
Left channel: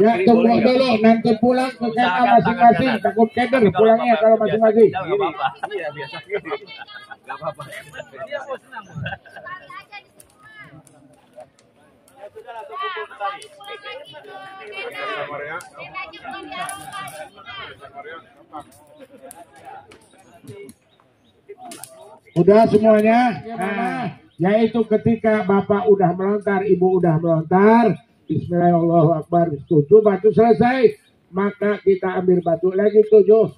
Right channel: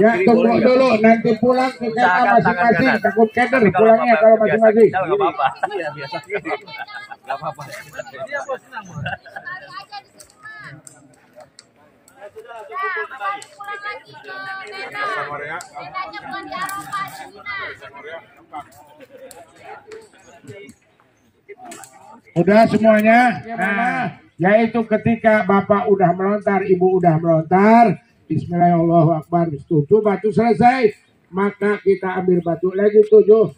Ya tunggu dulu, nanti pulang ke kemah masing-masing. Takut keder pulangnya kalau masing-masing. Enggak apa-apa. Iya biasa gini. Enggak apa-apa. Dia bos senang. Sekali aja di sini mah. Ya, kembali pulang lagi ke Medan. Medannya bukan di Eropa, di Cina. Udah semuanya? Nah, yaitu ketika Bapak udah melontar, Ibu udah melontar, Bismillahirrahmanirrahim, 7 batu selesai, maka kita ambil batu lagi 7.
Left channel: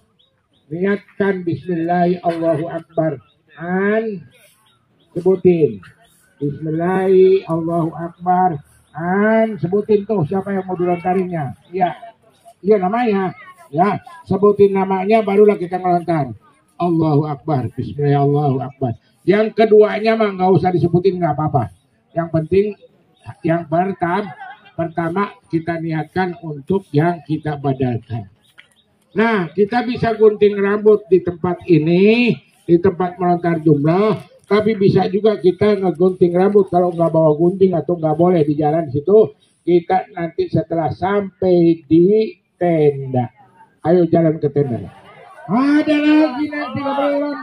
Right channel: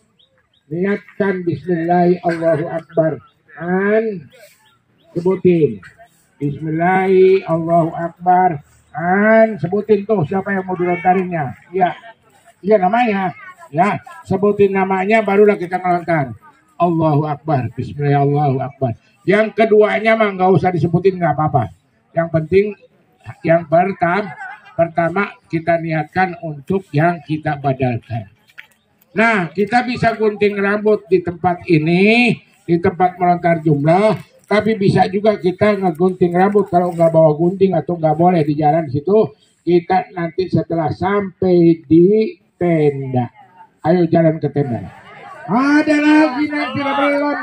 Niatkan Bismillahirrahmanirrahim. Dan sebutin Bismillahirrahmanirrahim. Dan sebutin tuh siapa yang mau dilontarinnya. Iya. Iya namanya. Ya, sebutin namanya barulah kita ngelontar. Allahu Akbar, Bismillahirrahmanirrahim. Yang keduanya mah nggak usah disebutin, nggak apa-apa. Yang penting yang pertama kita niatkan untuk yang kita badalkan. Nah, kita bisa gunting rambut di tempat ini, di tempat melontar jumlah, tapi bisa juga kita ngegunting rambut kalau nggak bawa gunting atau nggak boleh di jalan situ. Kita nanti setelah sampai di tenda, ayo jalan ke tenda. Ada lagi nanti belum.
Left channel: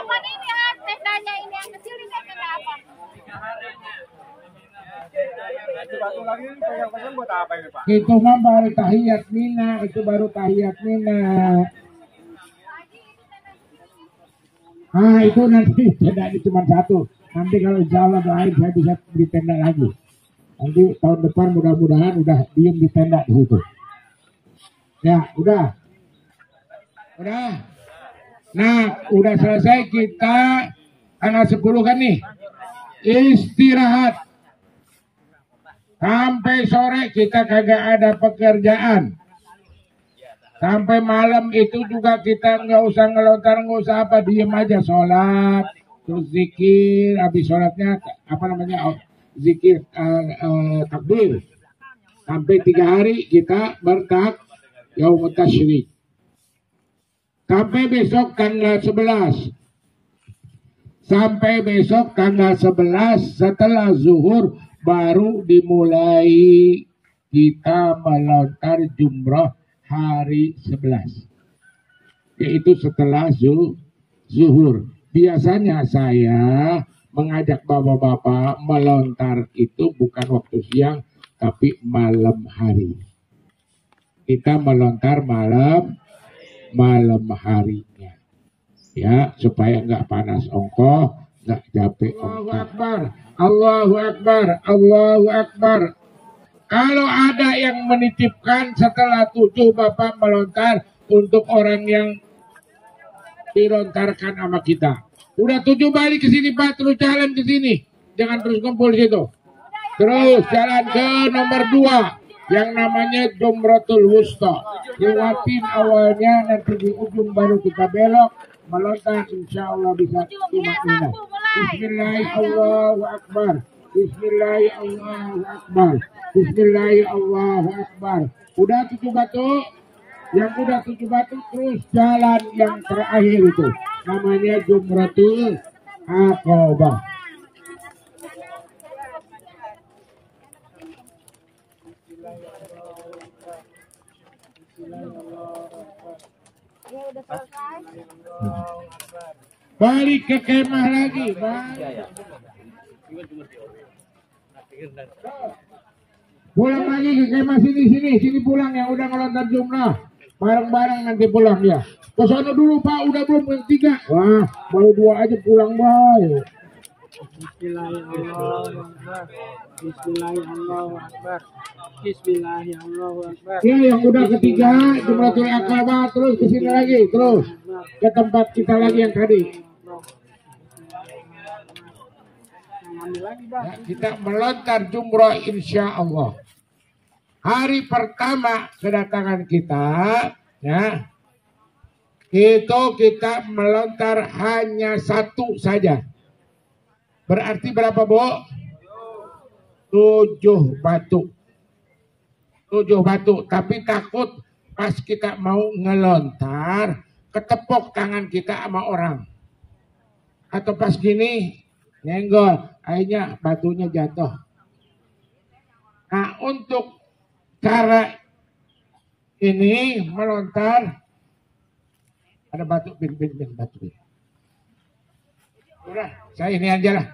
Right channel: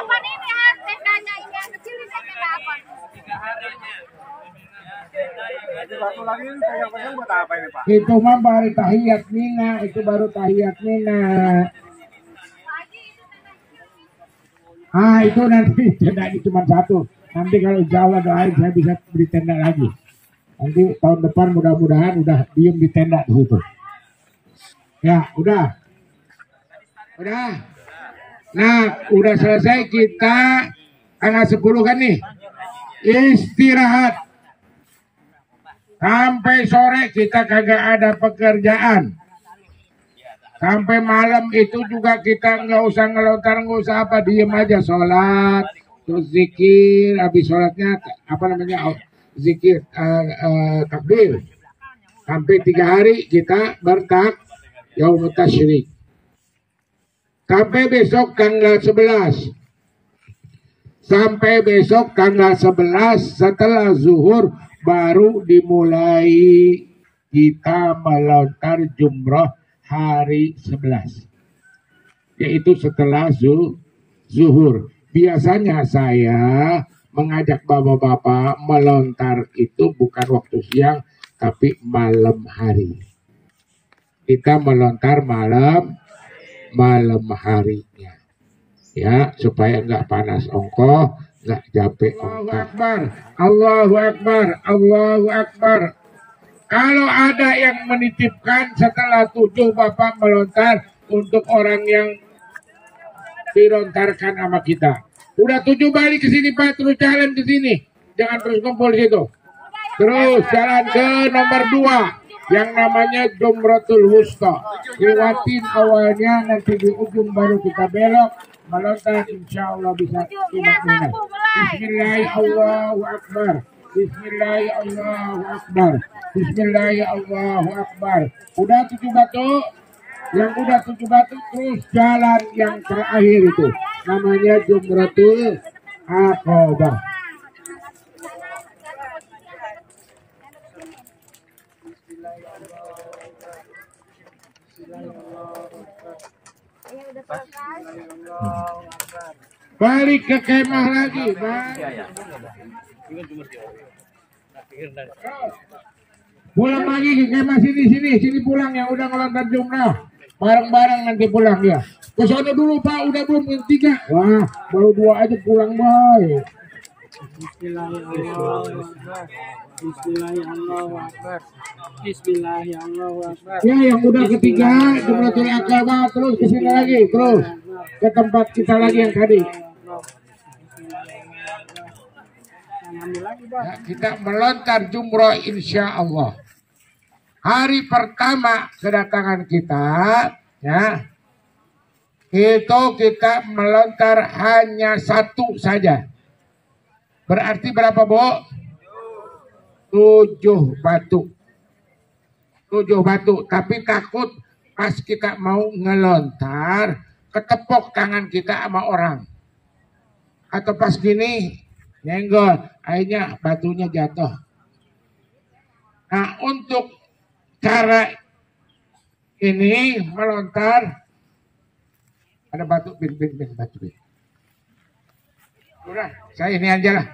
Apa nih tendanya ini yang kecil ini tenda apa? Satu lagi pegang-pegang buat apa ini Pak? Itu mah baru tahiyat mina, itu baru tahiyat mina. Itu nanti tenda ini cuma satu. Nanti kalau insya Allah doain saya bisa beli tenda lagi. Nanti tahun depan mudah-mudahan udah diem di tenda di situ. Ya, udah. Nah, udah selesai kita tanggal 10 kan nih. Istirahat. Sampai sore kita kagak ada pekerjaan. Sampai malam itu juga kita nggak usah ngelontar, nggak usah apa, diem aja sholat, terus zikir, habis sholatnya apa namanya zikir takbir. Sampai 3 hari kita bertak yaumut tasyrik. Sampai besok tanggal 11. Sampai besok tanggal 11 setelah zuhur baru dimulai kita melontar jumroh hari 11. Yaitu setelah zuhur. Biasanya saya mengajak bapak-bapak melontar itu bukan waktu siang tapi malam hari. Kita melontar malam harinya, ya, supaya nggak panas ongkoh, nggak capek ongkoh. Allahu Akbar, Allahu Akbar, Allahu Akbar. Kalau ada yang menitipkan setelah 7 Bapak melontar untuk orang yang dilontarkan sama kita. Udah 7 balik ke sini Pak, terus jalan ke sini, jangan terus kumpul di situ. Terus jalan ke nomor 2. Yang namanya Jumratul Wusta. Lewatin awalnya, nanti di ujung baru kita belok melontar, insya Allah bisa cuma ini. Bismillahirrahmanirrahim. Bismillahirrahmanirrahim. Bismillahirrahmanirrahim. Udah 7 batu. Yang udah 7 batu terus jalan yang terakhir itu. Namanya Jumratul Aqabah. Balik ke kemah lagi, Bang. Pulang lagi ke kemah sini pulang yang udah ngelontar jumlah. Bareng-bareng nanti pulang ya. Ke sana dulu Pak, udah belum yang 3. Wah, baru 2 aja pulang, Boy. Bismillahirrahmanirrahim. Bismillahirrahmanirrahim. Ya, yang udah ketiga Jumratul Aqabah, terus ke sini lagi, terus ke tempat kita lagi yang tadi. Ya, kita melontar jumrah insya Allah. Hari pertama kedatangan kita, ya, itu kita melontar hanya 1 saja. Berarti berapa, Bo? 7 batu. 7 batu. Tapi takut pas kita mau ngelontar, ketepok tangan kita sama orang. atau pas gini nyenggol, akhirnya batunya jatuh. Nah, untuk cara ini melontar ada batu bin batu bin. Udah, saya ini aja lah.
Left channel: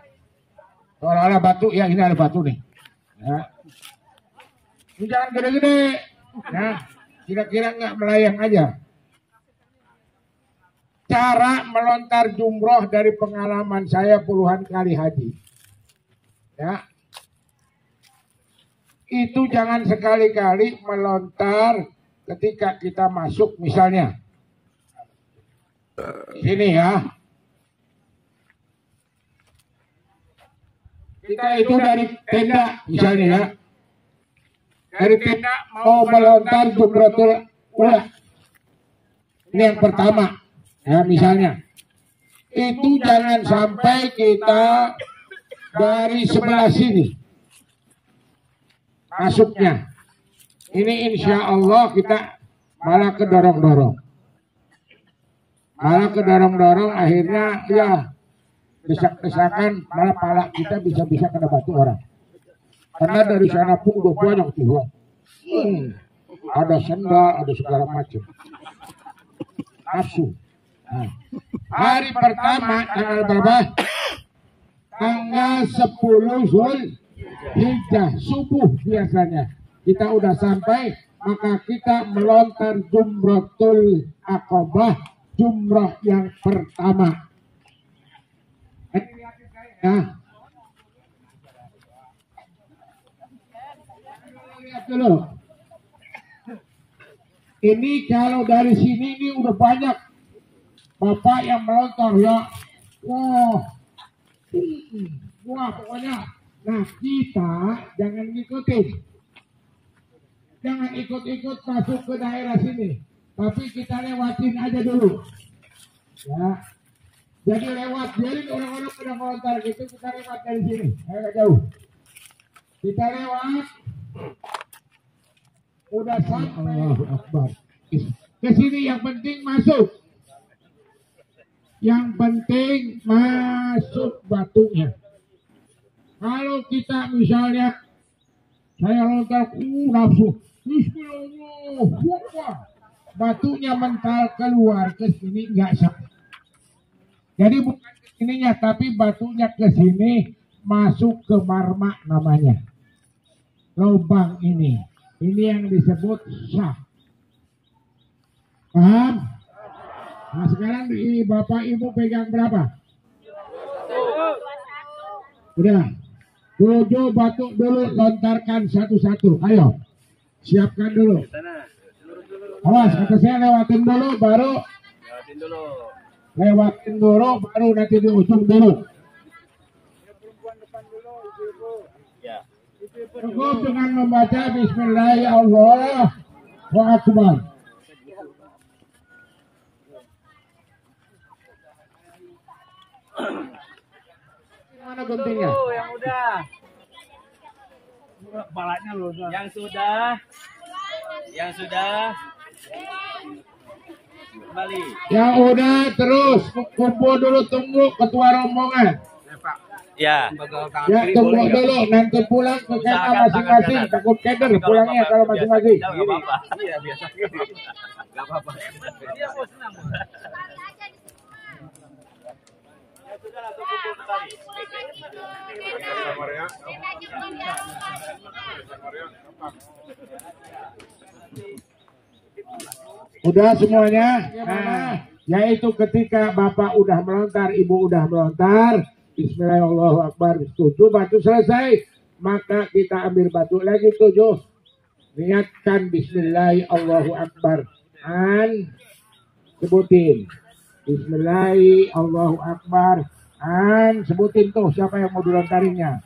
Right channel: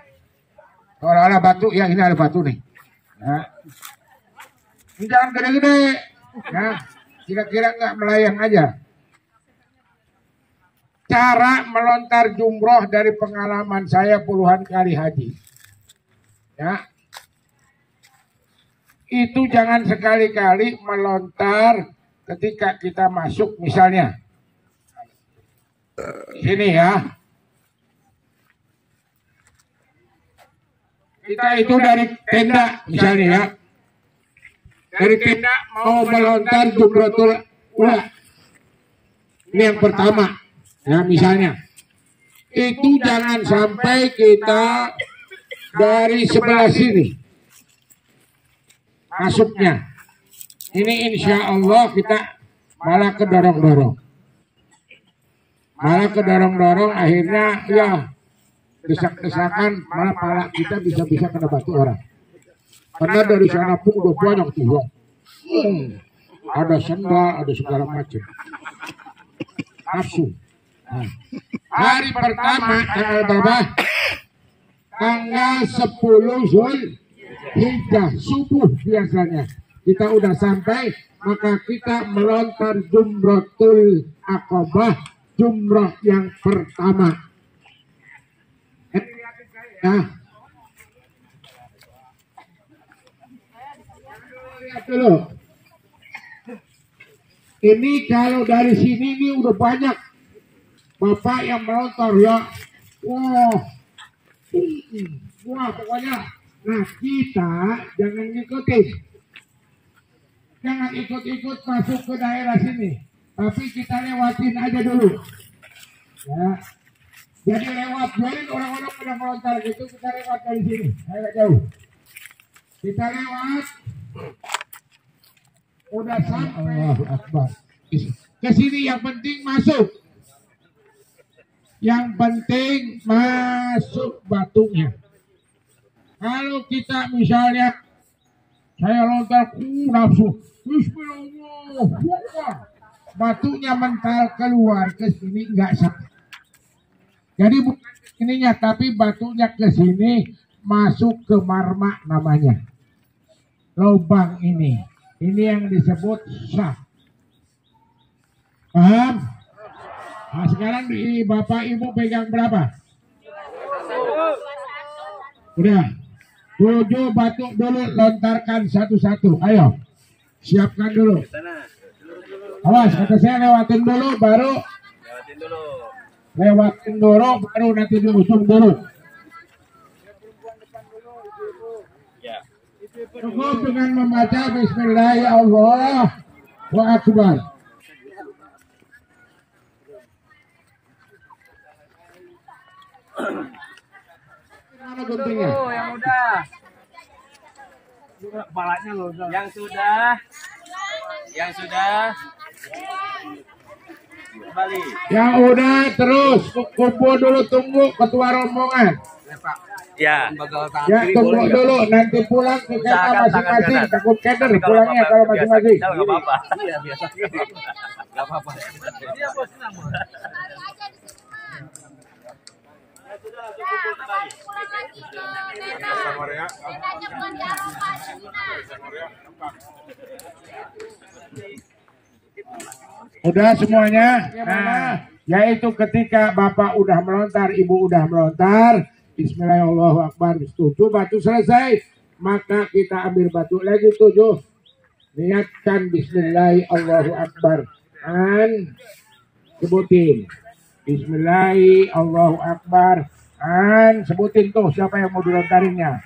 Kalau batu ya ini ada batu nih. Nah, ini jangan gede-gede. Nah, kira-kira nggak melayang aja. Cara melontar jumroh dari pengalaman saya puluhan kali haji. Ya. Itu jangan sekali-kali melontar ketika kita masuk misalnya. Sini ya. Kita itu dari tenda misalnya ya. Dari tenda mau melontar jumratul ula. Ini yang pertama. Ya misalnya. Itu jangan sampai kita dari sebelah sini masuknya. Ini insya Allah kita malah kedorong-dorong. Malah kedorong-dorong akhirnya ya desak-desakan malah pala kita bisa-bisa kena batu orang. Karena dari sana pun udah banyak tuh. Ada sendal, ada segala macam. Nafsu. Nah, hari pertama tanggal berapa? Tanggal 10 Zulhijjah subuh biasanya. Kita udah sampai, maka kita melontar jumratul aqabah, jumrah yang pertama. Nah, lihat dulu. Ini kalau dari sini ini udah banyak bapak yang melontar ya. Wah pokoknya. Nah kita jangan ngikutin. Jangan ikut-ikut masuk ke daerah sini. Tapi kita lewatin aja dulu. Ya. Jadi lewat, biarin orang-orang pada melontar gitu, kita lewat dari sini, agak jauh. Kita lewat, udah sampai. Allahu Akbar. Ke sini yang penting masuk. Yang penting masuk batunya. Kalau kita misalnya, saya lontar, nafsu, Bismillah, batunya mental keluar ke sini nggak sah. Jadi bukan ke sininya, tapi batunya ke sini masuk ke marma namanya. Lubang ini yang disebut sah. Paham? Nah sekarang di bapak ibu pegang berapa? Udah. 7 batu dulu, lontarkan satu-satu. Ayo, siapkan dulu. Awas, kata saya lewatin dulu, baru lewatin dulu, baru nanti diusung dulu. Cukup dengan membaca Bismillahirrahmanirrahim. Mana guntingnya? Yang udah. Kepalanya loh. Yang sudah kembali. Yang udah terus kumpul dulu, tunggu ketua rombongan. Ya. Ya tunggu dulu, nanti pulang ke kota masing-masing. Takut keder pulangnya kalau masing-masing. Enggak apa-apa. Iya biasa gitu. Enggak apa-apa. Dia bos senang. Udah semuanya? Nah, yaitu ketika bapak udah melontar, ibu udah melontar, Bismillahirrahmanirrahim, 7 batu selesai, maka kita ambil batu lagi 7, niatkan Bismillahirrahmanirrahim, dan sebutin Bismillahirrahmanirrahim, dan sebutin tuh siapa yang mau dilontarinnya.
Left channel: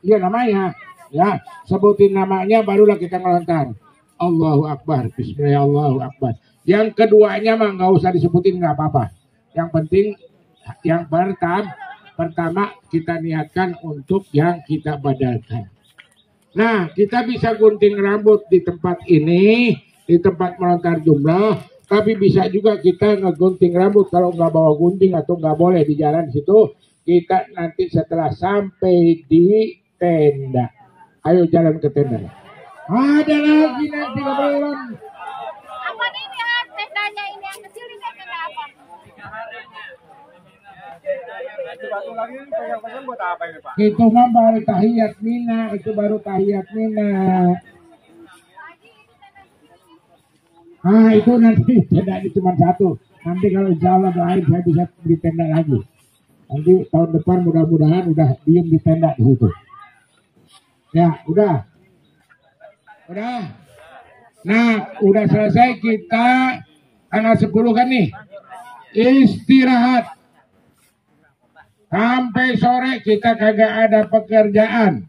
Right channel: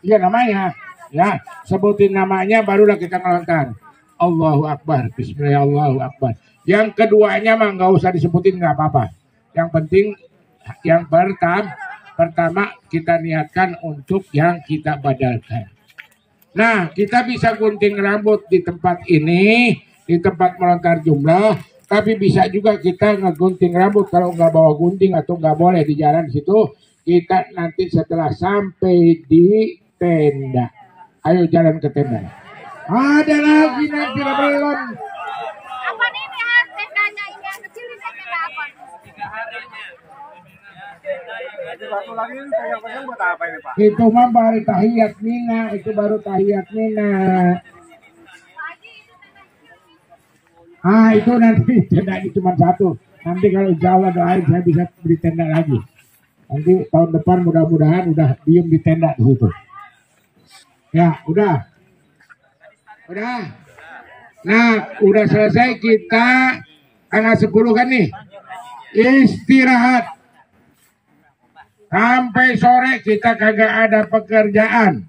Iya namanya, ya sebutin namanya barulah kita ngelontar. Allahu Akbar, Bismillahirrahmanirrahim. Yang keduanya mah nggak usah disebutin, nggak apa-apa. Yang penting yang pertama kita niatkan untuk yang kita badalkan. Nah, kita bisa gunting rambut di tempat ini, di tempat melontar jumroh, Tapi bisa juga kita ngegunting rambut. Kalau nggak bawa gunting atau nggak boleh di jalan situ, kita nanti setelah sampai di tenda. Ayo jalan ke tenda. Ada lagi nanti belum. Apa nih ya tendanya ini yang kecil ini tenda apa? Itu mah baru tahiyat mina, itu baru tahiyat mina. Itu nanti tenda ini cuma satu. Nanti kalau insya Allah doain saya bisa beli tenda lagi. Nanti tahun depan mudah-mudahan udah diem di tenda di situ. Ya, udah. Nah, udah selesai kita tanggal 10 kan nih. Istirahat. Sampai sore kita kagak ada pekerjaan.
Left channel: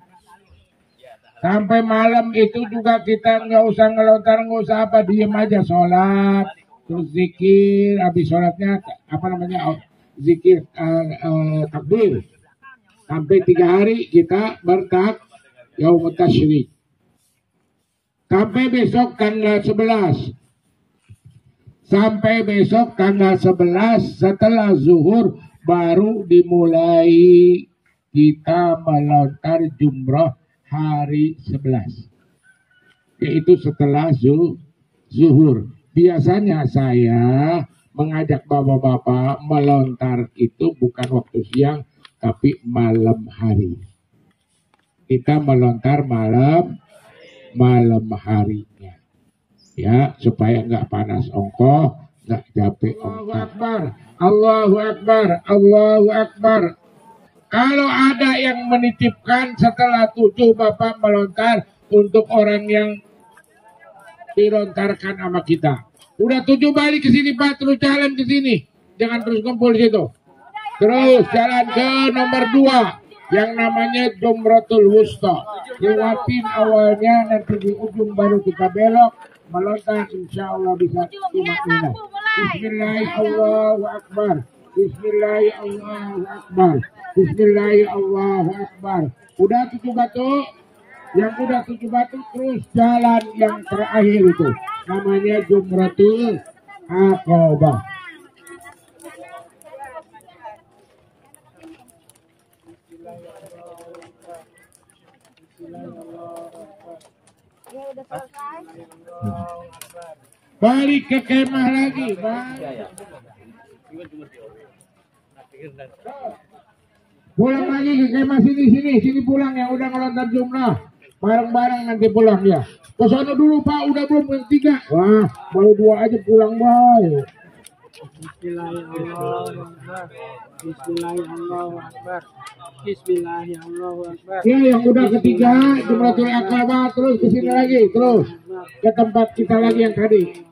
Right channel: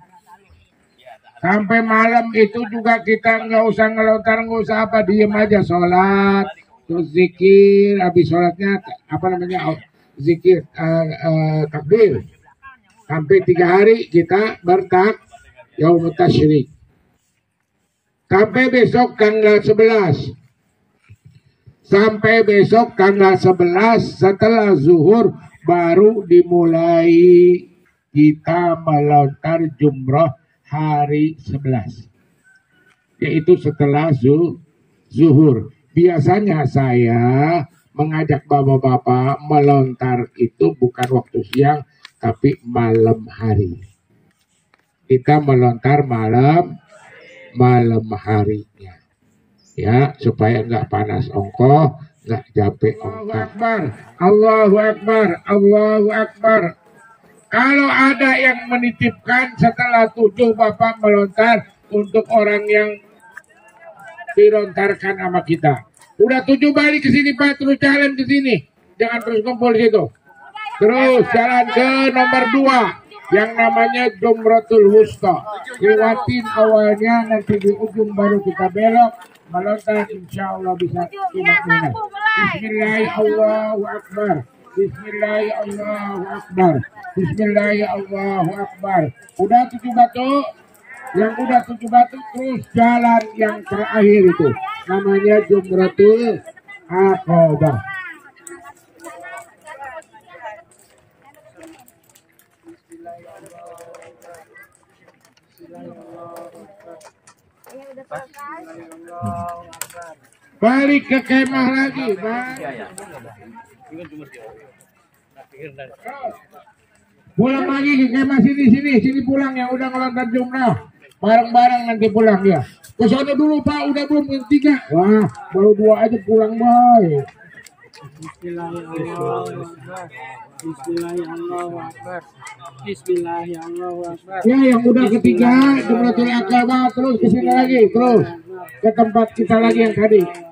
Sampai malam itu juga kita nggak usah ngelontar, nggak usah apa, diem aja sholat, terus zikir, habis sholatnya apa namanya zikir takbir. Sampai 3 hari kita bertak yaum tasyrik. Sampai besok tanggal 11. Sampai besok tanggal 11 setelah zuhur baru dimulai kita melontar jumroh hari 11. Yaitu setelah zuhur. Biasanya saya mengajak bapak-bapak melontar itu bukan waktu siang tapi malam hari. Kita melontar malam harinya. Ya, supaya nggak panas ongkoh, nggak capek ongkos. Allahu Akbar, Allahu Akbar. Kalau ada yang menitipkan setelah 7 Bapak melontar untuk orang yang dilontarkan sama kita. Udah 7 balik ke sini Pak, terus jalan ke sini. Jangan terus kumpul di situ. Terus jalan ke nomor 2 yang namanya Jumratul Wusta. Lewatin awalnya, nanti di ujung baru kita belok melontar, insya Allah bisa tumak-tumak. Bismillahirrahmanirrahim. Bismillahirrahmanirrahim. Bismillahirrahmanirrahim. Udah 7 batu, yang udah 7 batu terus jalan yang terakhir itu namanya Jumratul Aqabah. Balik ke kemah lagi, Bang. Pulang lagi ke kemah sini pulang yang udah ngelontar jumrah. Bareng-bareng nanti pulang ya. Ke sana dulu Pak, udah belum yang 3. Wah, baru 2 aja pulang baik. Bismillahirrahmanirrahim. Bismillahirrahmanirrahim. Ya, yang udah ketiga Jumratul Aqabah, terus ke sini lagi, terus ke tempat kita lagi yang tadi.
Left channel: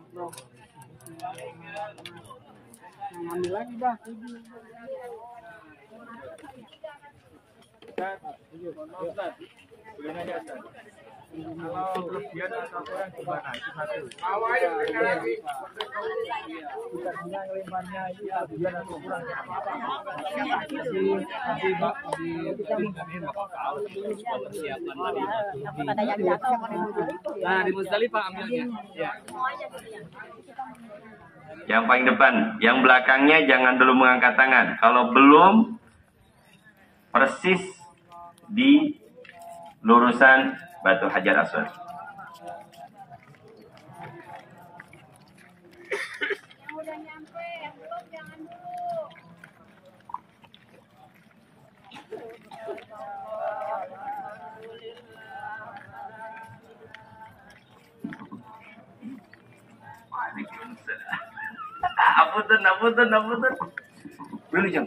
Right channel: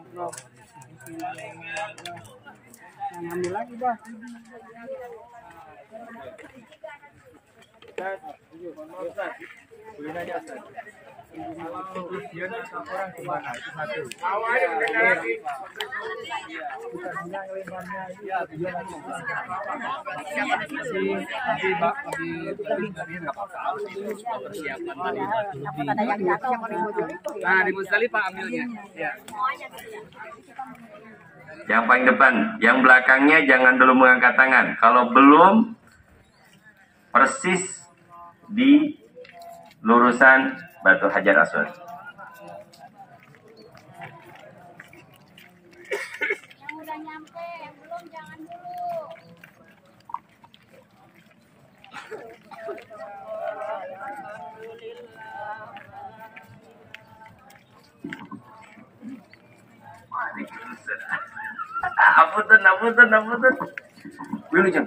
Nah, di Musdalifah ambilnya. Ya. Yang paling depan, yang belakangnya jangan dulu mengangkat tangan. Kalau belum persis di lurusan batu Hajar Aswad. Yang udah nyampe, yang belum jangan dulu. Apunten. Wilujeng.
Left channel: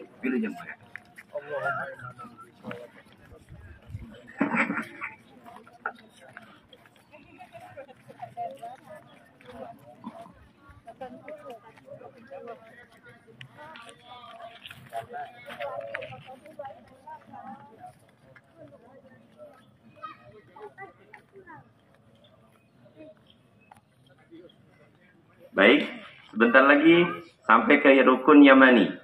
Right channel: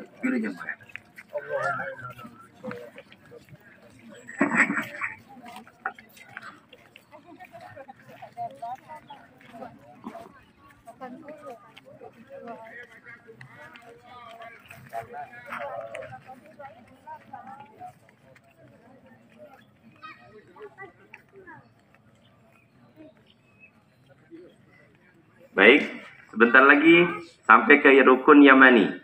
Baik, sebentar lagi sampai ke rukun Yamani.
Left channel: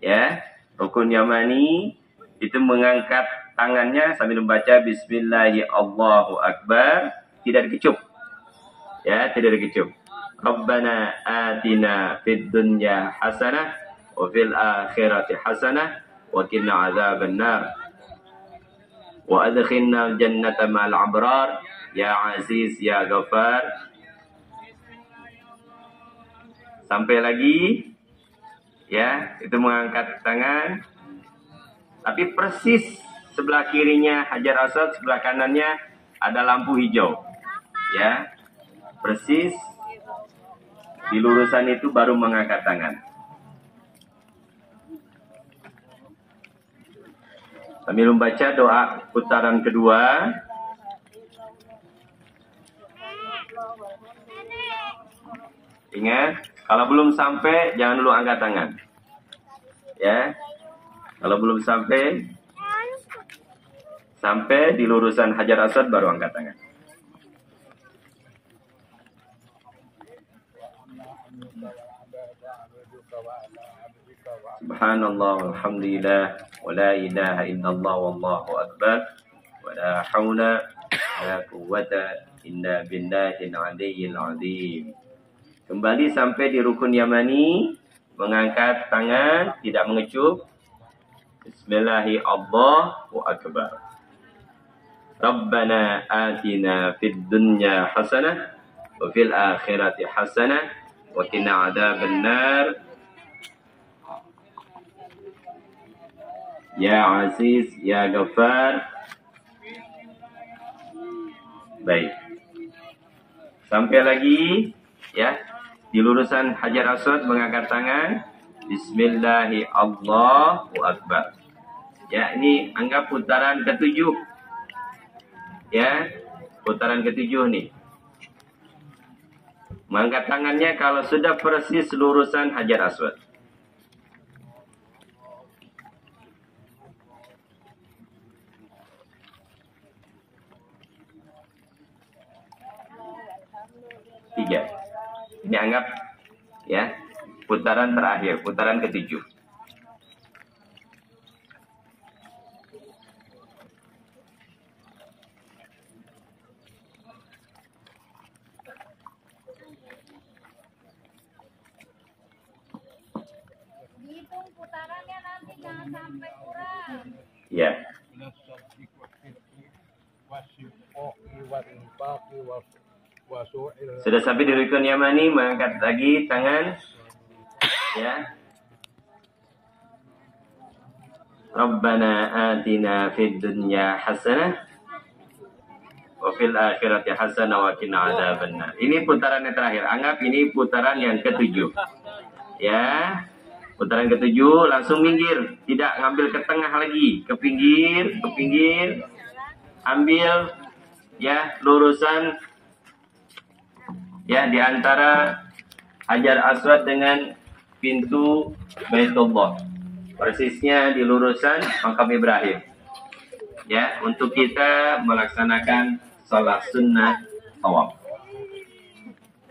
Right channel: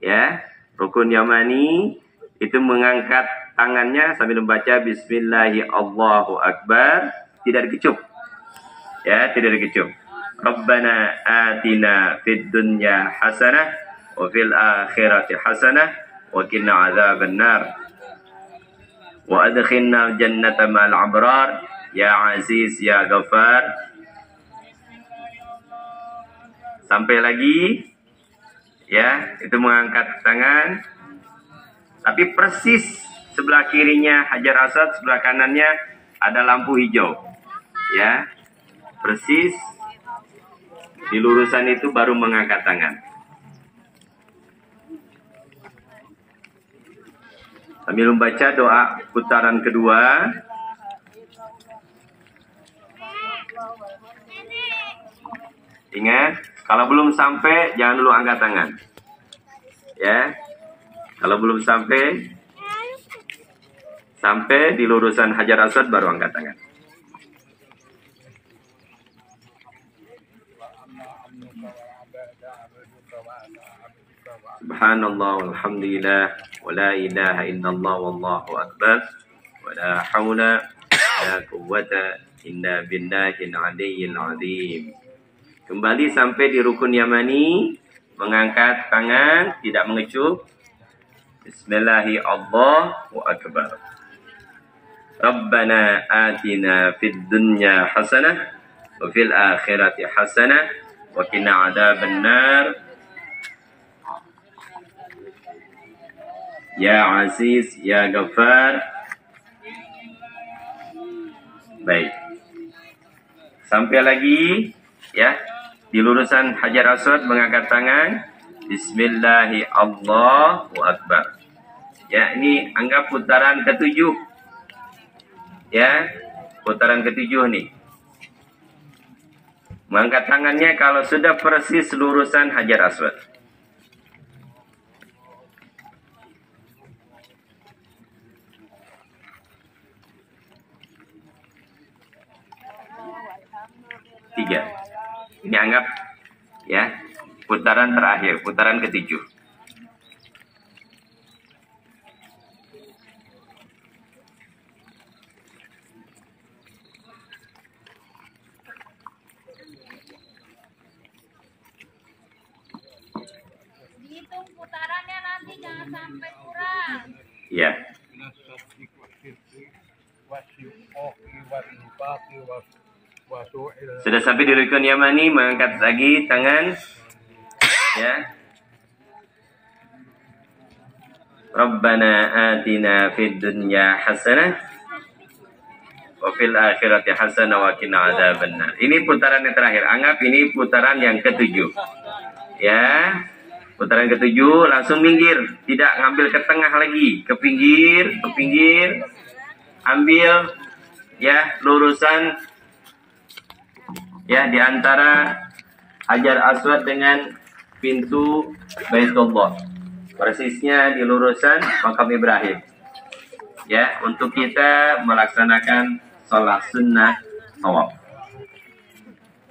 Ya, rukun Yamani itu mengangkat tangannya sambil membaca Bismillahirrahmanirrahim. Tidak dikecup. Ya, tidak dikecup. Rabbana atina fid dunya hasanah wa fil akhirati hasanah wa qina adzabannar wa adkhilna jannata ma'al abrar ya aziz ya ghafar. Sampai lagi ya, itu mengangkat tangan. Tapi persis sebelah kirinya Hajar Aswad, sebelah kanannya ada lampu hijau. Ya. Persis di lurusan itu baru mengangkat tangan. Sambil membaca doa putaran kedua. Ingat, kalau belum sampai jangan dulu angkat tangan. Ya. Kalau belum sampai di lurusan Hajar Aswad baru angkat tangan. Subhanallah, alhamdulillah, wa la ilaha illallah, wallahu akbar, wa la hawla wa la quwwata illa billahil aliyyil azim. Kembali sampai di rukun Yamani, mengangkat tangan, tidak mengecup. Bismillahi Allahu akbar. Rabbana atina fid dunya hasanah wa fil akhirati hasanah wa qina adzabannar. Ya Aziz, Ya Ghaffar. Baik. Sampai lagi ya di lurusan Hajar Aswad mengangkat tangan. Bismillahi Allahu Akbar. Ya, ini anggap putaran ketujuh. Ya, putaran ketujuh nih. Mengangkat tangannya kalau sudah persis lurusan Hajar Aswad. Tiga. Ini anggap ya putaran terakhir, putaran ketujuh. Dihitung putarannya nanti jangan sampai kurang. Ya. Sudah sampai di rukun Yamani, mengangkat lagi tangan. Ya. Rabbana atina fid dunya hasanah wa fil akhirati hasanah wa qina adzabannar. Ini putaran yang terakhir. Anggap ini putaran yang ketujuh. Ya. Putaran ketujuh, langsung minggir, tidak ngambil ke tengah lagi, ke pinggir. Ambil ya lurusan ya di antara Hajar Aswad dengan pintu Baitullah. Persisnya di lurusan makam Ibrahim. Ya, untuk kita melaksanakan sholat sunnah tawaf.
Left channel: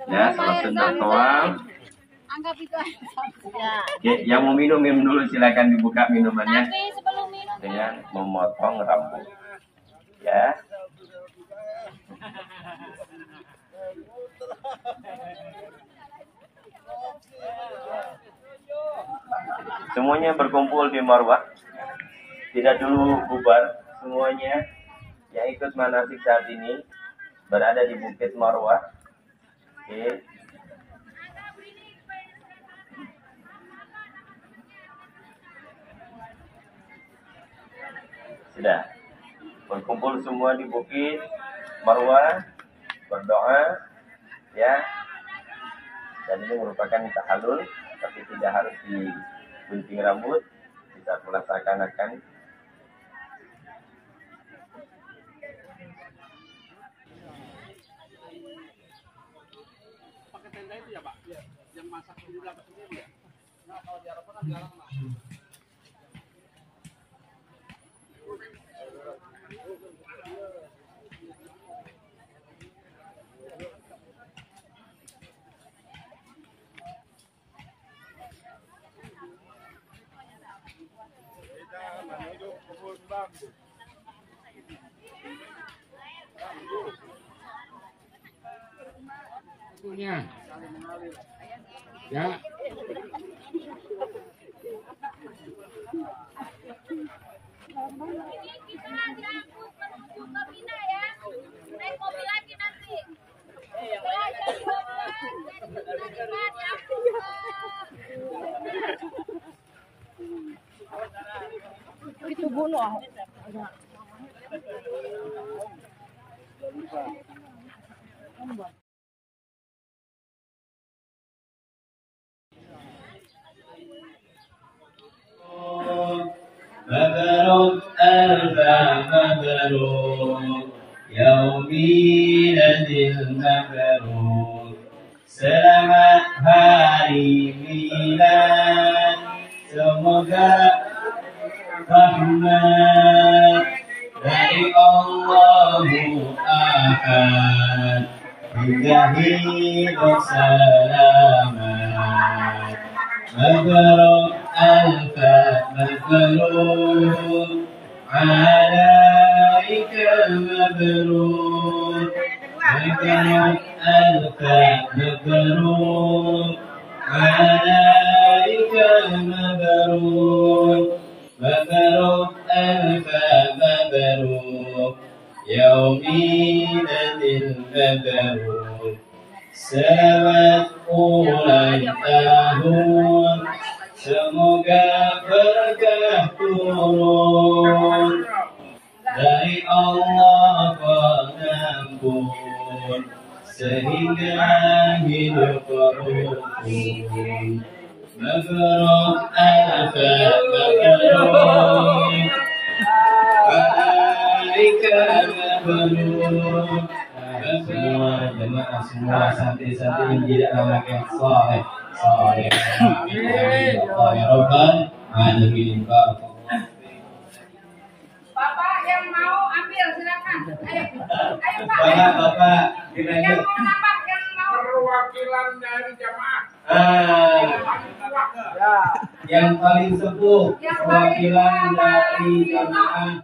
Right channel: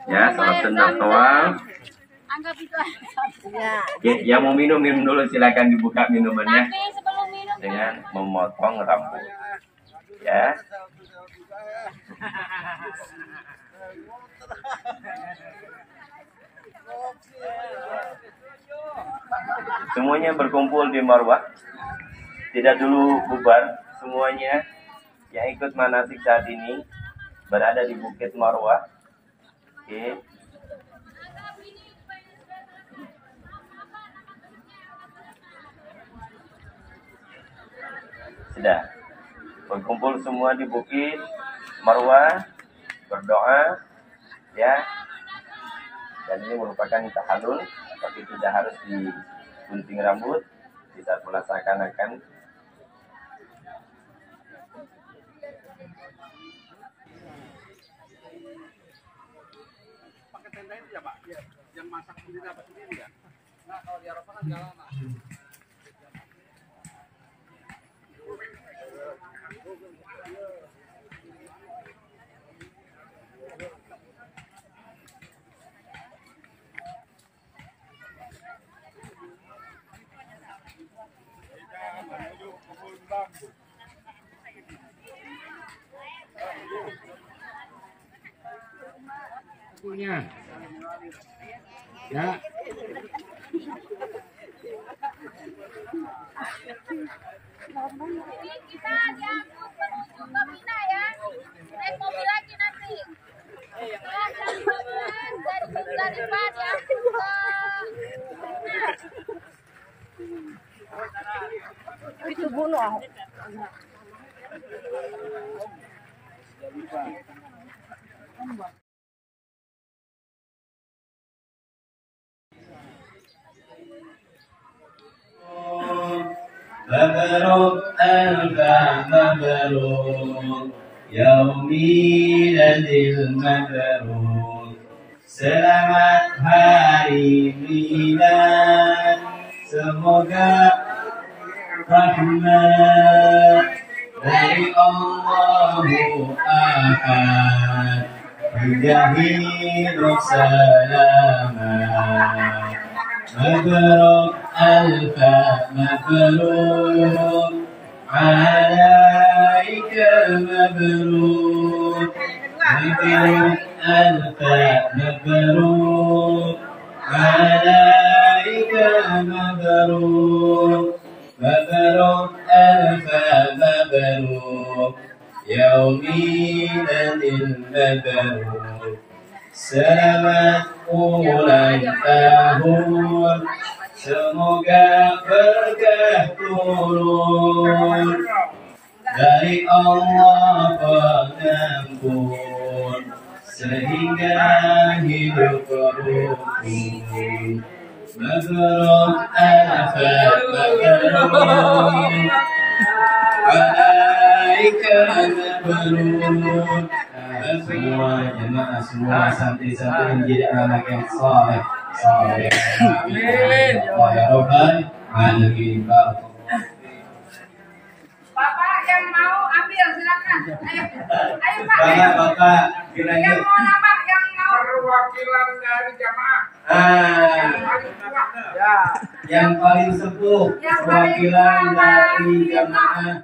Ya, sholat sunnah tawaf. Anggap itu aja. Oke, yang mau minum dulu, silakan dibuka minumannya. Tapi sebelum minum Saya memotong rambut. Ya. Semuanya berkumpul di Marwah. Tidak dulu bubar. Semuanya yang ikut manasik saat ini berada di Bukit Marwah. Oke. Sudah berkumpul semua di Bukit Marwah, berdoa ya. Dan ini merupakan tahallul, tapi tidak harus digunting rambut, bisa melaksanakan. Pakai tenda itu ya Pak? Iya. Yang masak sendiri dapat sendiri ya? Nah kalau di Eropa kan nggak lama. Punya. Ya. Ini kita diangkut menuju ke Mina ya. Naik mobil lagi nanti. Setelah jam 12 dari Musdalifah diangkut ke Itu bunuh. مبروك ألف مبروك يوم ميلاد المبروك selamat hari milad semoga rahmat dari Allahu Ahad Hidayah selamat مبروك ألف مبروك عليك مبروك مبروك ألف مبروك عليك مبروك مبروك ألف مبروك يوم ميلاد المبروك selamat ulang tahun semoga berkah turun dari Allah pengampun sehingga hidup rukun mabruk alf mabruk alaika mabruk semua jemaah semua santri-santri menjadi anak yang saleh saleh amin ya rabbal alamin. Bapak yang mau ambil silakan. Ayo, ayo Pak. Bapak kiranya Yang mau nambah, yang mau Perwakilan dari jamaah. yang paling sepuh perwakilan dari jamaah.